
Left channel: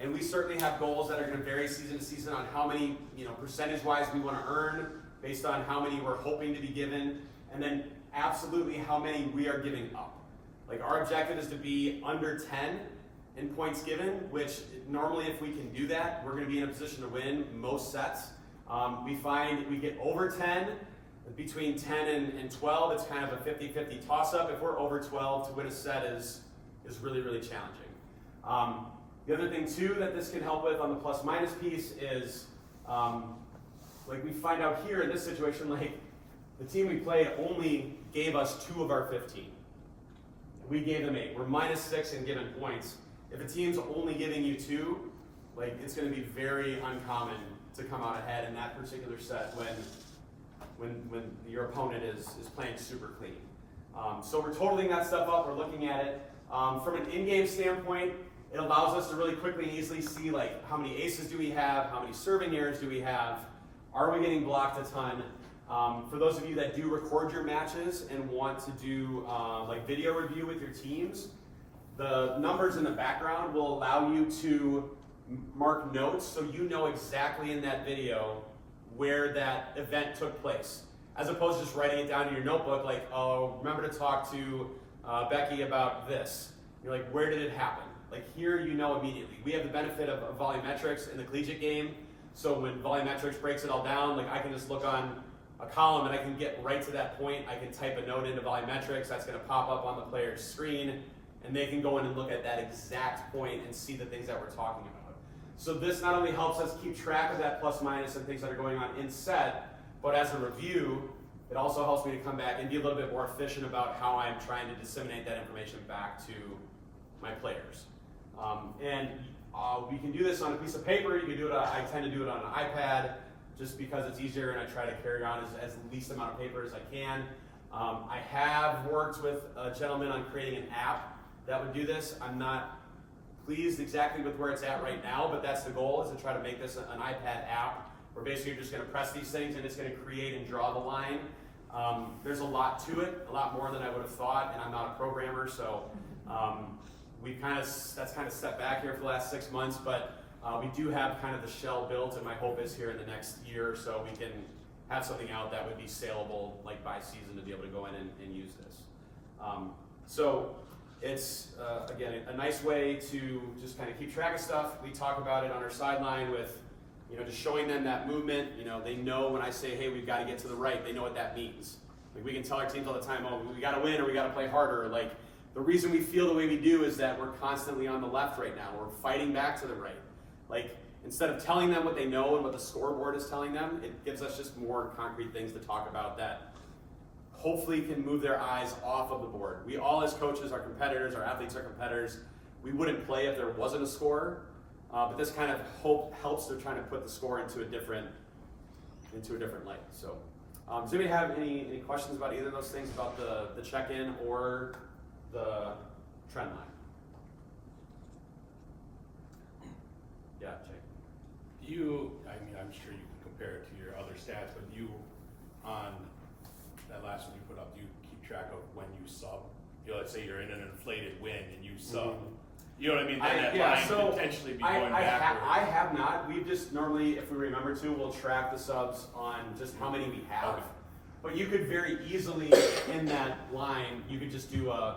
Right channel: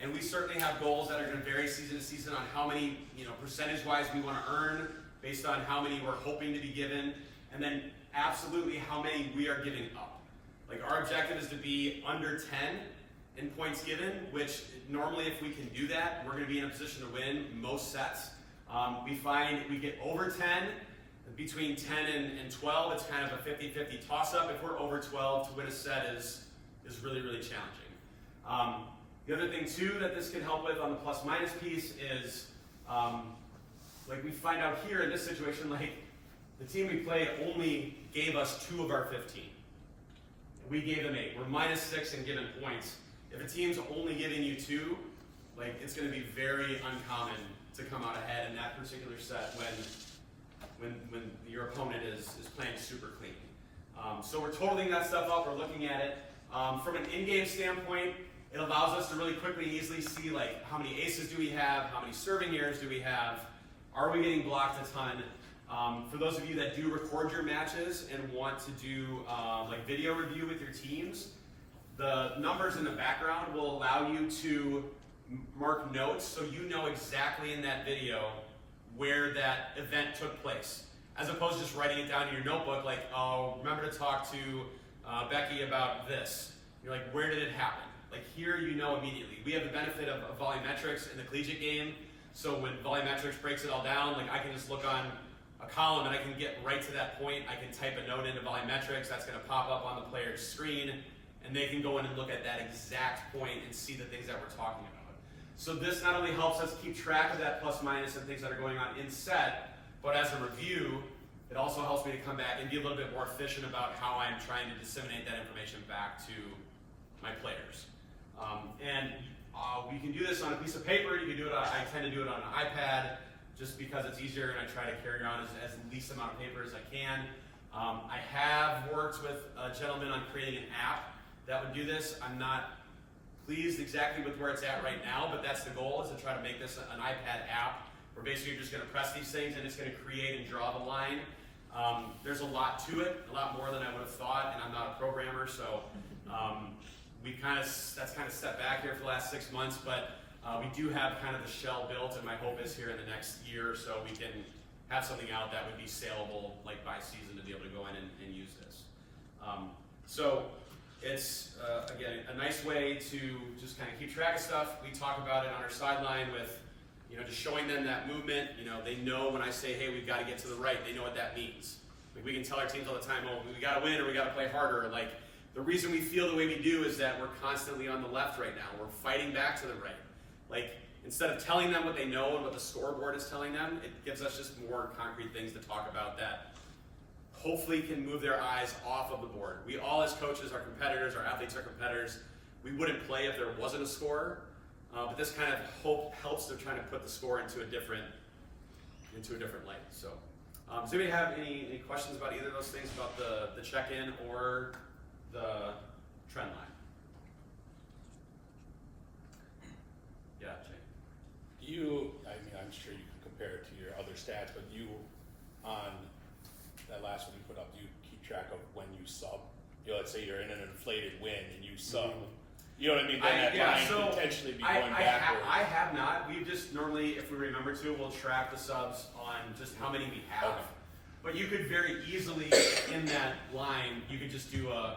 And we certainly have goals that are going to vary season to season on how many, percentage-wise we want to earn based on how many we're hoping to be given, and then absolutely how many we are giving up. Like our objective is to be under 10 in points given, which normally if we can do that, we're going to be in a position to win most sets. We find we get over 10, between 10 and 12, it's kind of a 50-50 toss-up. If we're over 12 to win a set is really, really challenging. The other thing too that this can help with on the plus minus piece is, like we find out here in this situation, like the team we played only gave us 2 of our 15. We gave them 8. We're -6 in given points. If a team's only giving you 2, like it's going to be very uncommon to come out ahead in that particular set when your opponent is playing super clean. So we're totaling that stuff up. We're looking at it from an in-game standpoint. It allows us to really quickly and easily see like how many aces do we have, how many serving errors do we have, are we getting blocked a ton. For those of you that do record your matches and want to do like video review with your teams, the numbers in the background will allow you to mark notes so you know exactly in that video where that event took place, as opposed to just writing it down in your notebook like, oh, remember to talk to Becky about this. You're like, where did it happen? Like here you know immediately. We have the benefit of volumetrics in the collegiate game, so when volumetrics breaks it all down, like I can just look on a column and I can get right to that point. I can type a note into volumetrics, that's gonna pop up on the player's screen, and they can go in and look at that exact point and see the things that we're talking about. So this not only helps us keep track of that plus minus and things that are going on in set, but as a review, it also helps me to come back and be a little bit more efficient about how I'm trying to disseminate that information back to my players. We can do this on a piece of paper. You can do it. I tend to do it on an iPad just because it's easier, and I try to carry on as least amount of paper as I can. I have worked with a gentleman on creating an app that would do this. I'm not pleased exactly with where it's at right now, but that's the goal, is to try to make this an iPad app where basically you're just going to press these things and it's going to create and draw the line. There's a lot to it, a lot more than I would have thought, and I'm not a programmer, so that's kind of set back here for the last 6 months, but we do have kind of the shell built, and my hope is here in the next year or so we can have something out that would be saleable like by season to be able to go in and use this. So it's, again, a nice way to just kind of keep track of stuff. We talk about it on our sideline with, just showing them that movement. They know when I say, hey, we've got to get to the right, they know what that means. Like, we can tell our teams all the time, oh, we got to win or we got to play harder. Like, the reason we feel the way we do is that we're constantly on the left right now. We're fighting back to the right. Like, instead of telling them what they know and what the scoreboard is telling them, it gives us just more concrete things to talk about that hopefully can move their eyes off of the board. We all as coaches are competitors, our athletes are competitors. We wouldn't play if there wasn't a score, but this kind of helps them trying to put the score into a different light. So, does anybody have any questions about either of those things, about the check-in or the trend line? Yeah, Jake. I'm sure you can compare it to your other stats, but on that last one you put up, do you keep track of when you sub? Let's say you're in an inflated win and you sub. Mm-hmm. You know what I mean? Then that line could potentially be going backwards. I have not. We just normally, if we remember to, we'll track the subs on just how many we have. Okay. But you could very easily, in that line, you could just do a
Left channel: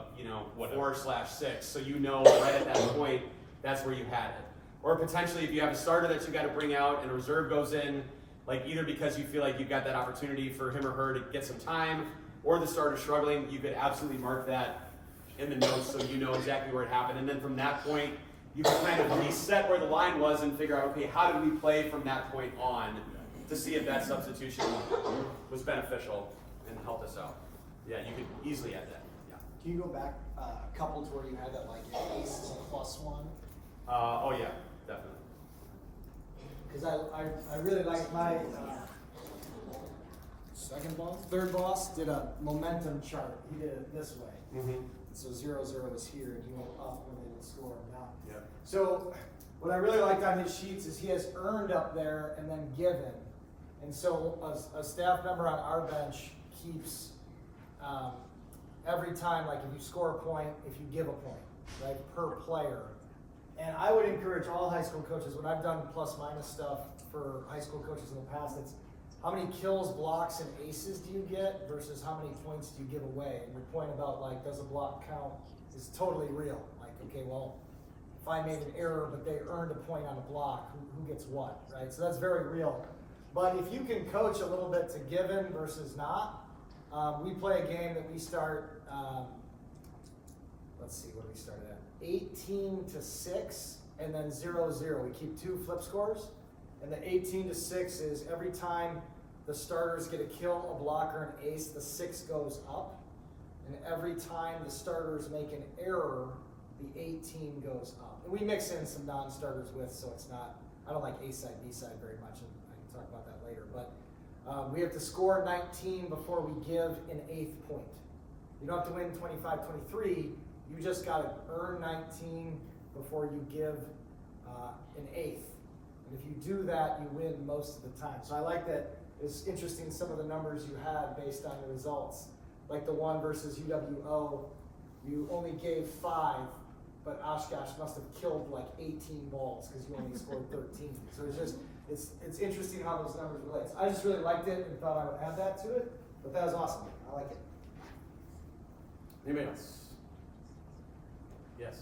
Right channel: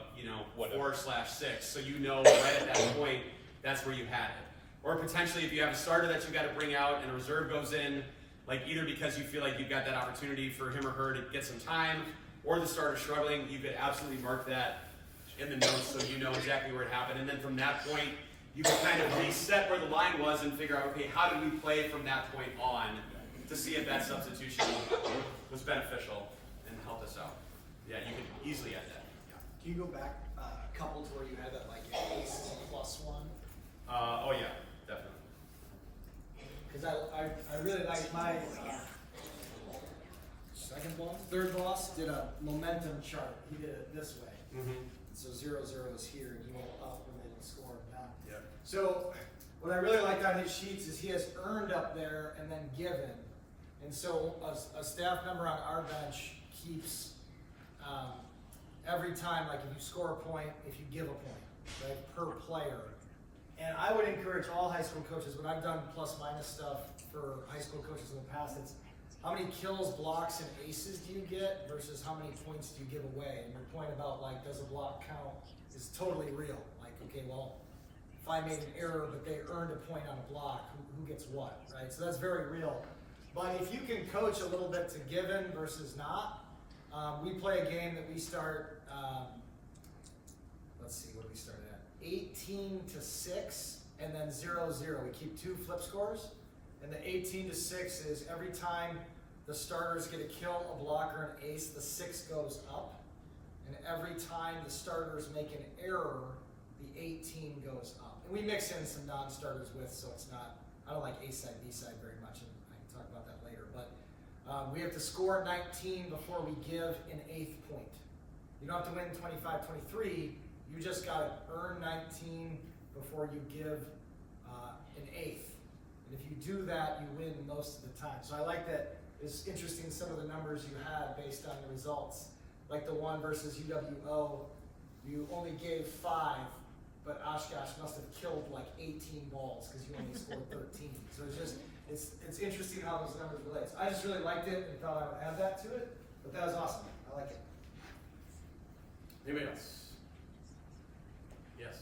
4/6, so right at that point, that's where you had it. Or potentially, if you have a starter that you got to bring out and a reserve goes in, like either because you feel like you've got that opportunity for him or her to get some time, or the starter's struggling, you could absolutely mark that in the notes so you know exactly where it happened. And then from that point, you can kind of reset where the line was and figure out, okay, how did we play from that point on to see if that substitution was beneficial and helped us out. Yeah, you could easily add that. Yeah. Can you go back a couple to where you had that like ace +1? Oh yeah, definitely. Because I really like my third boss did a momentum chart. He did it this way. Mm-hmm. So 0-0 is here, and he went up when they didn't score him down. Yeah. So what I really liked on his sheets is he has earned up there and then given. And so a staff member on our bench keeps every time, like if you score a point, if you give a point, right, per player. And I would encourage all high school coaches, when I've done plus-minus stuff for high school coaches in the past, it's how many kills, blocks, and aces do you get versus how many points do you give away? And your point about like, does a block count is totally real. Like, okay, well, if I made an error but they earned a point on a block, who gets what, right? So that's very real. But if you can coach a little bit to given versus not, we play a game that we start, let's see, what do we start at? 18-6 and then 0-0. We keep 2 flip scores. And the 18-6 is every time the starters get a kill, a block, or an ace, the 6 goes up. And every time the starters make an error, the 18 goes up. And we mix in some non-starters with, so it's not, I don't like A side, B side very much, and I can talk about that later. But we have to score 19 before we give an 8th point. You don't have to win 25-23, you just got to earn 19 before you give an 8th. And if you do that, you win most of the time. So I like that. It's interesting some of the numbers you had based on the results. Like the one versus UWO, you only gave 5, but Oshkosh must have killed like 18 balls because you only scored 13. So it's interesting how those numbers relate. So I just really liked it and thought I would add that to it, but that was awesome. I like it. Anybody else? Yes.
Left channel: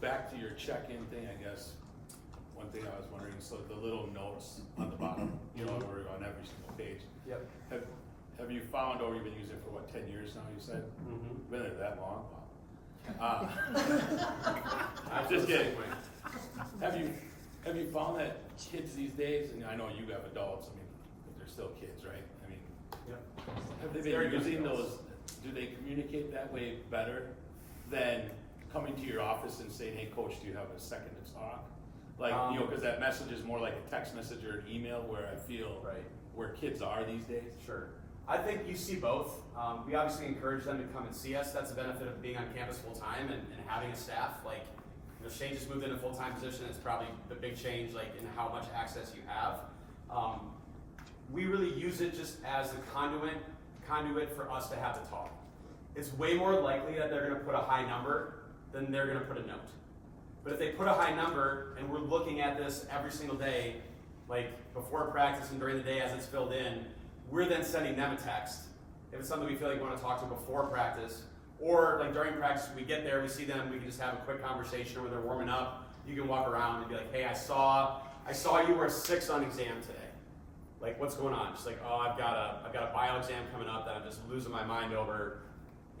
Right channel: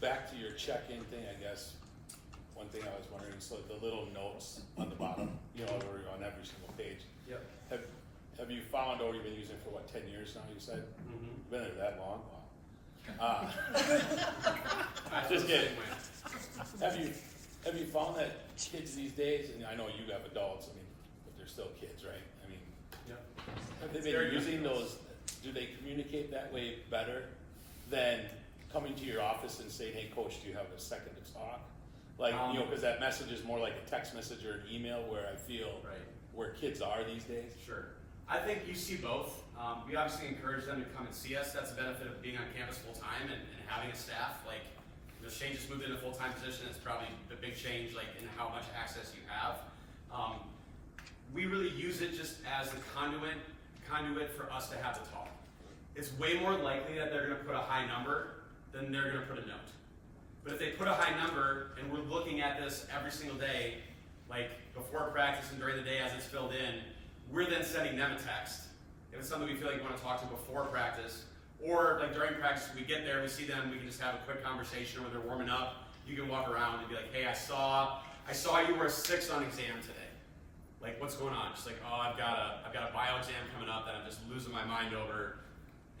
Back to your check-in thing, I guess. One thing I was wondering is the little notes on the bottom, on every single page. Yep. Have you found, or you've been using it for 10 years now, you said? Mm-hmm. You've been there that long? Just kidding. Have you found that kids these days, and I know you have adults, but they're still kids, right? Have they been using those, do they communicate that way better than coming to your office and saying, hey coach, do you have a second to talk? Like, because that message is more like a text message or an email where I feel where kids are these days. Sure. I think you see both. We obviously encourage them to come and see us. That's the benefit of being on campus full time and having a staff. Like, Shane just moved in a full-time position. It's probably the big change, like in how much access you have. We really use it just as a conduit for us to have the talk. It's way more likely that they're going to put a high number than they're going to put a note. But if they put a high number and we're looking at this every single day, like before practice and during the day as it's filled in, we're then sending them a text. If it's something we feel like we want to talk to before practice, or like during practice, we get there, we see them, we can just have a quick conversation when they're warming up. You can walk around and be like, hey, I saw you were a 6 on exam today. Like, what's going on? Just like, oh, I've got a bio exam coming up that I'm just losing my mind over.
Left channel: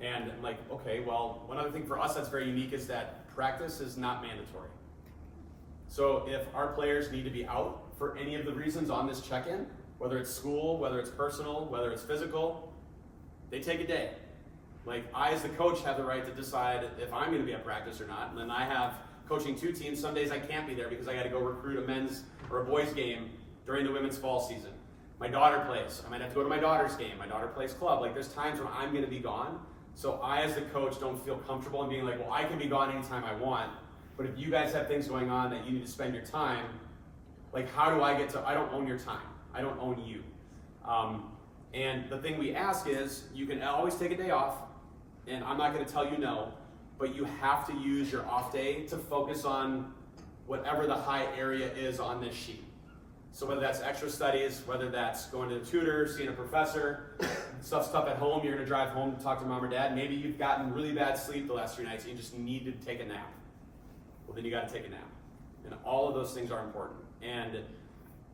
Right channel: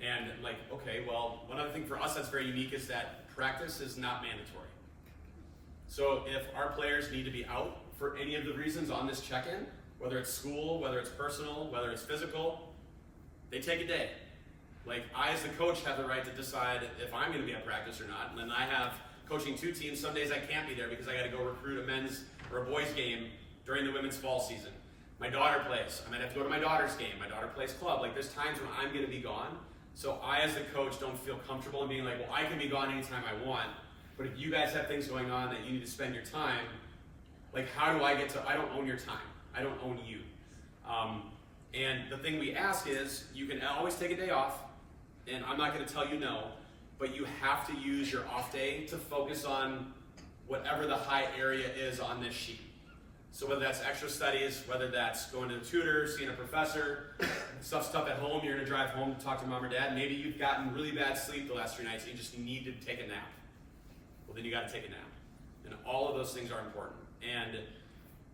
And I'm like, okay, well, one other thing for us that's very unique is that practice is not mandatory. So if our players need to be out for any of the reasons on this check-in, whether it's school, whether it's personal, whether it's physical, they take a day. Like, I as the coach have the right to decide if I'm going to be at practice or not. And then I have coaching 2 teams. Some days I can't be there because I got to go recruit a men's or a boys game during the women's fall season. My daughter plays. I might have to go to my daughter's game. My daughter plays club. Like, there's times when I'm going to be gone. So I as the coach don't feel comfortable in being like, well, I can be gone anytime I want. But if you guys have things going on that you need to spend your time, like, how do I get to, I don't own your time. I don't own you. And the thing we ask is, you can always take a day off. And I'm not going to tell you no, but you have to use your off day to focus on whatever the high area is on this sheet. So whether that's extra studies, whether that's going to a tutor, seeing a professor, stuff at home, you're going to drive home to talk to mom or dad. Maybe you've gotten really bad sleep the last 3 nights and you just need to take a nap. Well, then you got to take a nap. And all of those things are important. And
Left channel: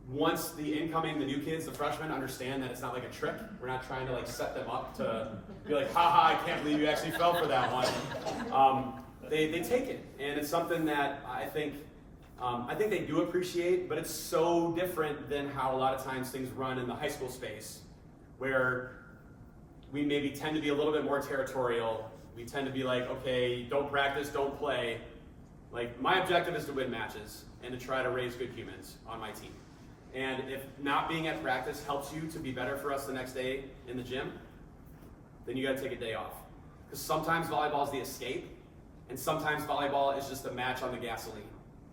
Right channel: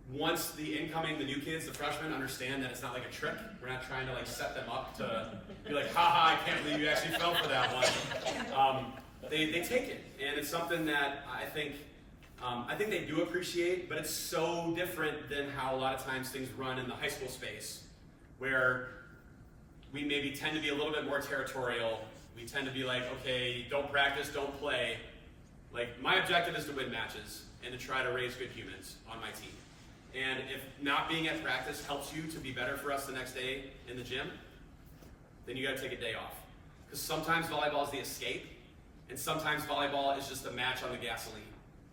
once the new kids, the freshmen, understand that it's not like a trick, we're not trying to like set them up to be like, haha, I can't believe you actually fell for that one. They take it, and it's something that I think they do appreciate, but it's so different than how a lot of times things run in the high school space, where we maybe tend to be a little bit more territorial. We tend to be like, okay, don't practice, don't play. Like, my objective is to win matches and to try to raise good humans on my team. And if not being at practice helps you to be better for us the next day in the gym, then you got to take a day off. Because sometimes volleyball is the escape, and sometimes volleyball is just a match on the gasoline.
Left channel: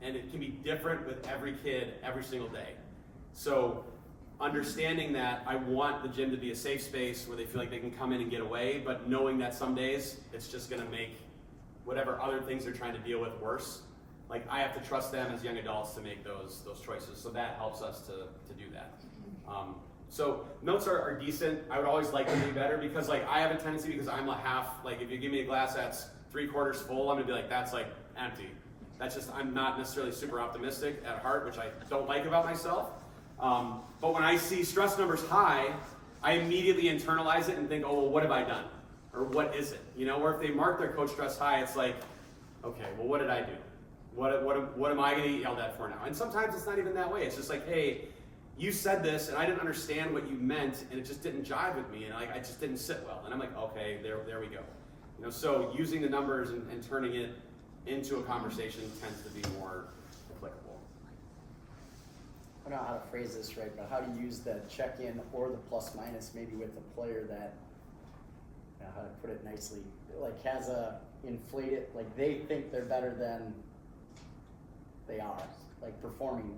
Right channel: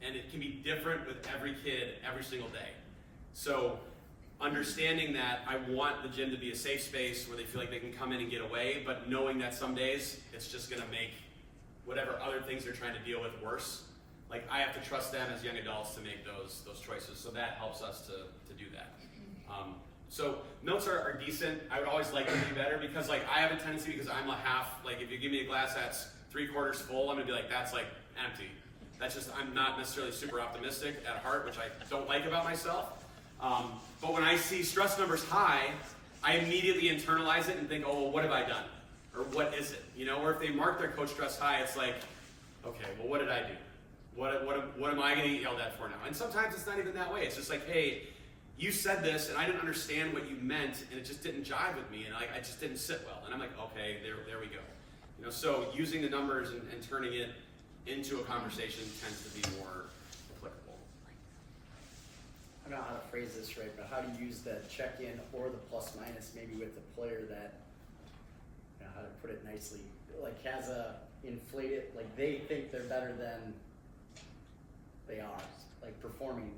And it can be different with every kid every single day. So understanding that I want the gym to be a safe space where they feel like they can come in and get away, but knowing that some days it's just going to make whatever other things they're trying to deal with worse. Like, I have to trust them as young adults to make those choices. So that helps us to do that. So notes are decent. I would always like them to be better because, like, I have a tendency, because I'm a half, like, if you give me a glass that's 3/4 full, I'm gonna be like, that's like empty. That's just, I'm not necessarily super optimistic at heart, which I don't like about myself. But when I see stress numbers high, I immediately internalize it and think, oh, well, what have I done? Or what is it? You know, or if they mark their coach stress high, it's like, okay, well, what did I do? What am I going to get yelled at for now? And sometimes it's not even that way. It's just like, hey, you said this, and I didn't understand what you meant, and it just didn't jive with me, and I just didn't sit well. And I'm like, okay, there we go. You know, so using the numbers and turning it into a conversation tends to be more applicable. I don't know how to phrase this right, but how to use the check-in or the plus minus maybe with the player that, you know, how to put it nicely, like has a inflated, like they think they're better than they are, like performing.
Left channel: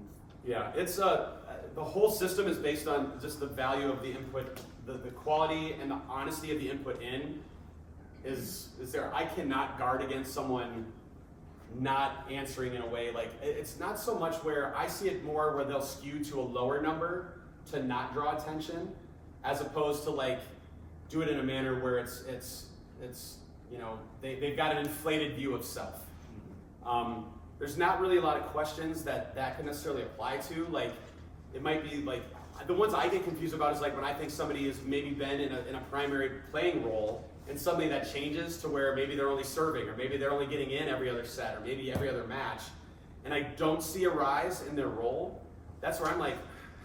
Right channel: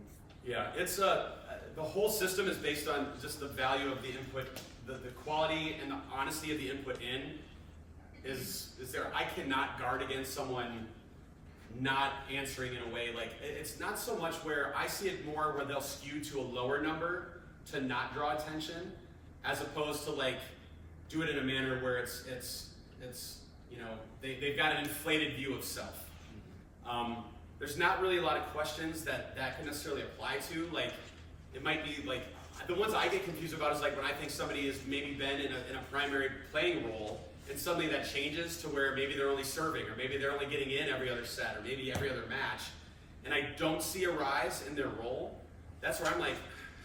Yeah, it's the whole system is based on just the value of the input, the quality and the honesty of the input in is there. I cannot guard against someone not answering in a way, like, it's not so much where I see it more where they'll skew to a lower number to not draw attention, as opposed to like do it in a manner where it's you know, they've got an inflated view of self. There's not really a lot of questions that can necessarily apply to. Like, it might be like, the ones I get confused about is like when I think somebody has maybe been in a primary playing role, and suddenly that changes to where maybe they're only serving, or maybe they're only getting in every other set, or maybe every other match, and I don't see a rise in their role. That's where I'm like,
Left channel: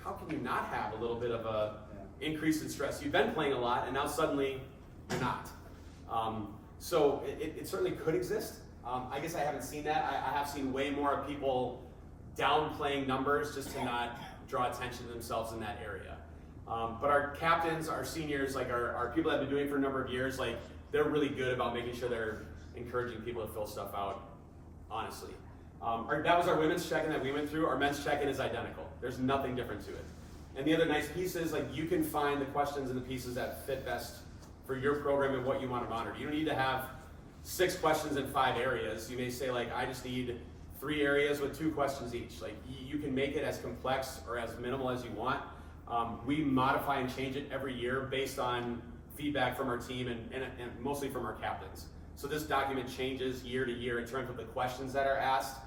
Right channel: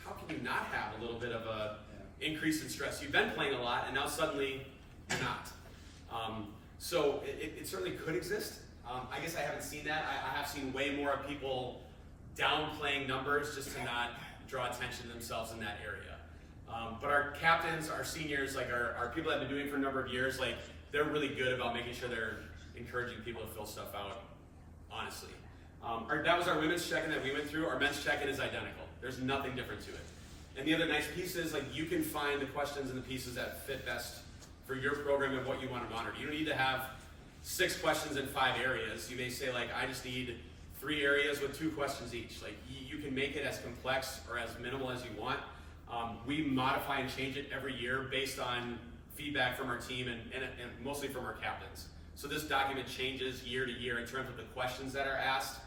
how can you not have a little bit of a increase in stress? You've been playing a lot, and now suddenly you're not. So it certainly could exist. I guess I haven't seen that. I have seen way more of people downplaying numbers just to not draw attention to themselves in that area. But our captains, our seniors, like our people that have been doing it for a number of years, like, they're really good about making sure they're encouraging people to fill stuff out honestly. That was our women's check-in that we went through. Our men's check-in is identical. There's nothing different to it. And the other nice piece is, like, you can find the questions and the pieces that fit best for your program and what you want to monitor. You don't need to have 6 questions in 5 areas. You may say, like, I just need 3 areas with 2 questions each. Like, you can make it as complex or as minimal as you want. We modify and change it every year based on feedback from our team and mostly from our captains. So this document changes year to year in terms of the questions that are asked,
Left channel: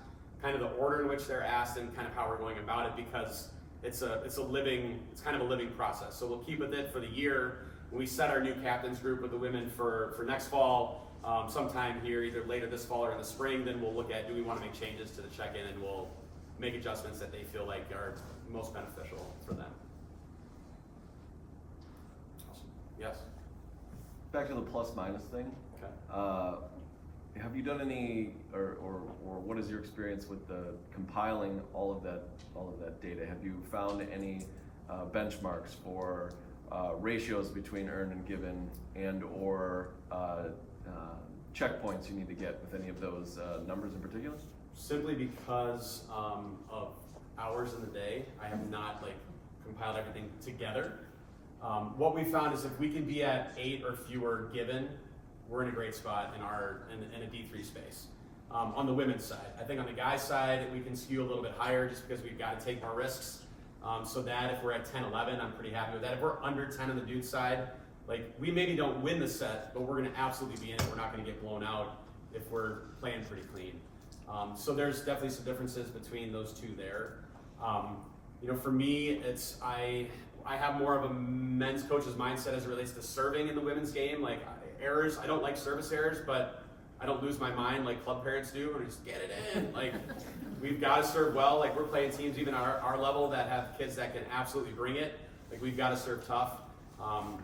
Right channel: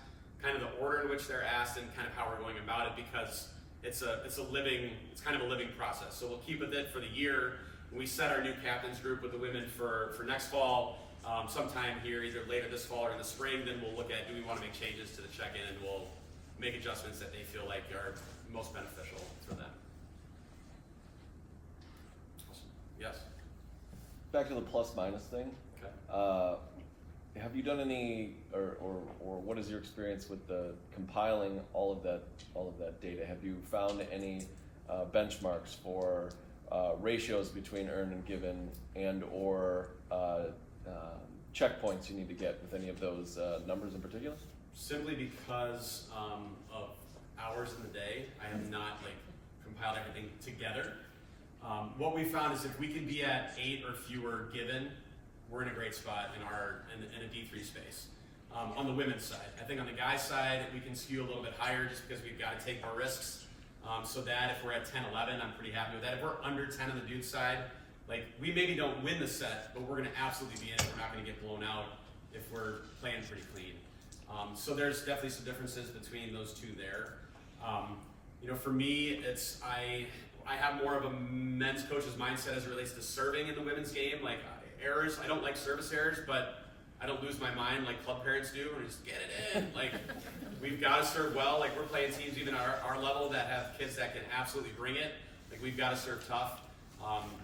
kind of the order in which they're asked, and kind of how we're going about it, because it's kind of a living process. So we'll keep with it for the year. When we set our new captains group with the women for next fall, sometime here, either later this fall or in the spring, then we'll look at, do we want to make changes to the check-in, and we'll make adjustments that they feel like are most beneficial for them. Awesome. Yes? Back to the plus minus thing. Okay. Have you done any, or what is your experience with the compiling all of that data? Have you found any benchmarks for ratios between earned and given, and or checkpoints you need to get with any of those numbers in particular? Simply because of hours in the day, I have not compiled everything together. What we found is if we can be at 8 or fewer given, we're in a great spot in a D3 space. On the women's side, I think on the guys' side, we can skew a little bit higher just because we've got to take more risks. So that if we're at 10, 11, I'm pretty happy with that. If we're under 10 on the dude side, we maybe don't win the set, but we're going to absolutely be in it. We're not going to get blown out if we're playing pretty clean. So there's definitely some differences between those two there. For me, I have more of a men's coach's mindset as it relates to serving in the women's game. Errors, I don't like service errors, but I don't lose my mind like club parents do and just get it in. We've got to serve well. We're playing teams even our level that have kids that can absolutely bring it. We've got to serve tough.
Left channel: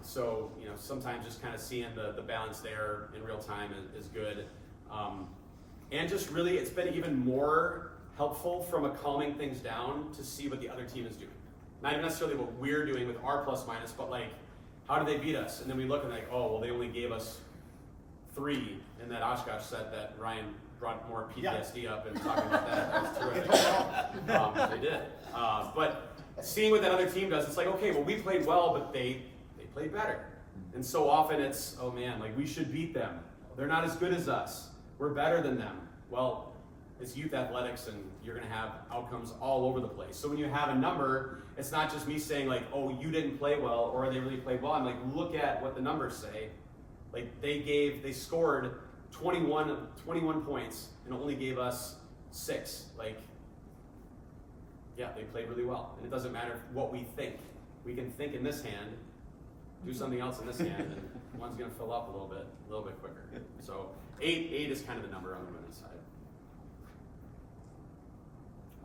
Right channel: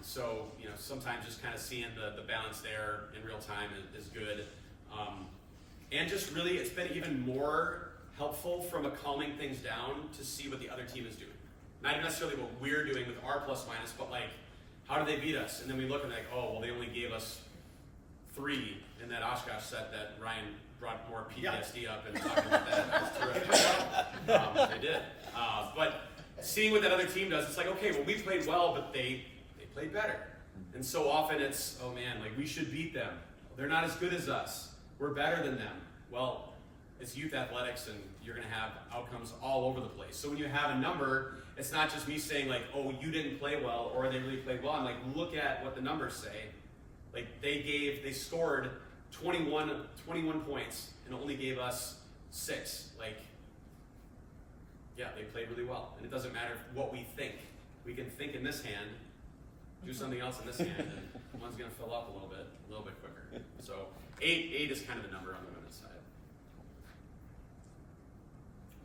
So sometimes just kind of seeing the balance there in real time is good. And just really, it's been even more helpful from a calming things down to see what the other team is doing. Not even necessarily what we're doing with our plus minus, but how did they beat us? And then we look and they only gave us 3 in that Oshkosh set that Ryan brought more PTSD up and talking about that. That was terrific. They did. But seeing what that other team does, it's okay, well, we played well, but they played better. And so often it's, oh man, we should beat them. They're not as good as us. We're better than them. Well, it's youth athletics, and you're going to have outcomes all over the place. So when you have a number, it's not just me saying oh, you didn't play well, or they really played well. I'm look at what the numbers say. They scored 21 points and only gave us 6. Yeah, they played really well. And it doesn't matter what we think. We can think in this hand, do something else in this hand, and one's going to fill up a little bit quicker. So 8 is kind of the number on the women's side.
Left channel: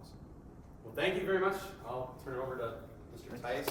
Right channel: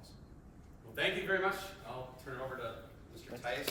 Awesome. Well, thank you very much. I'll turn it over to Mr. Tice.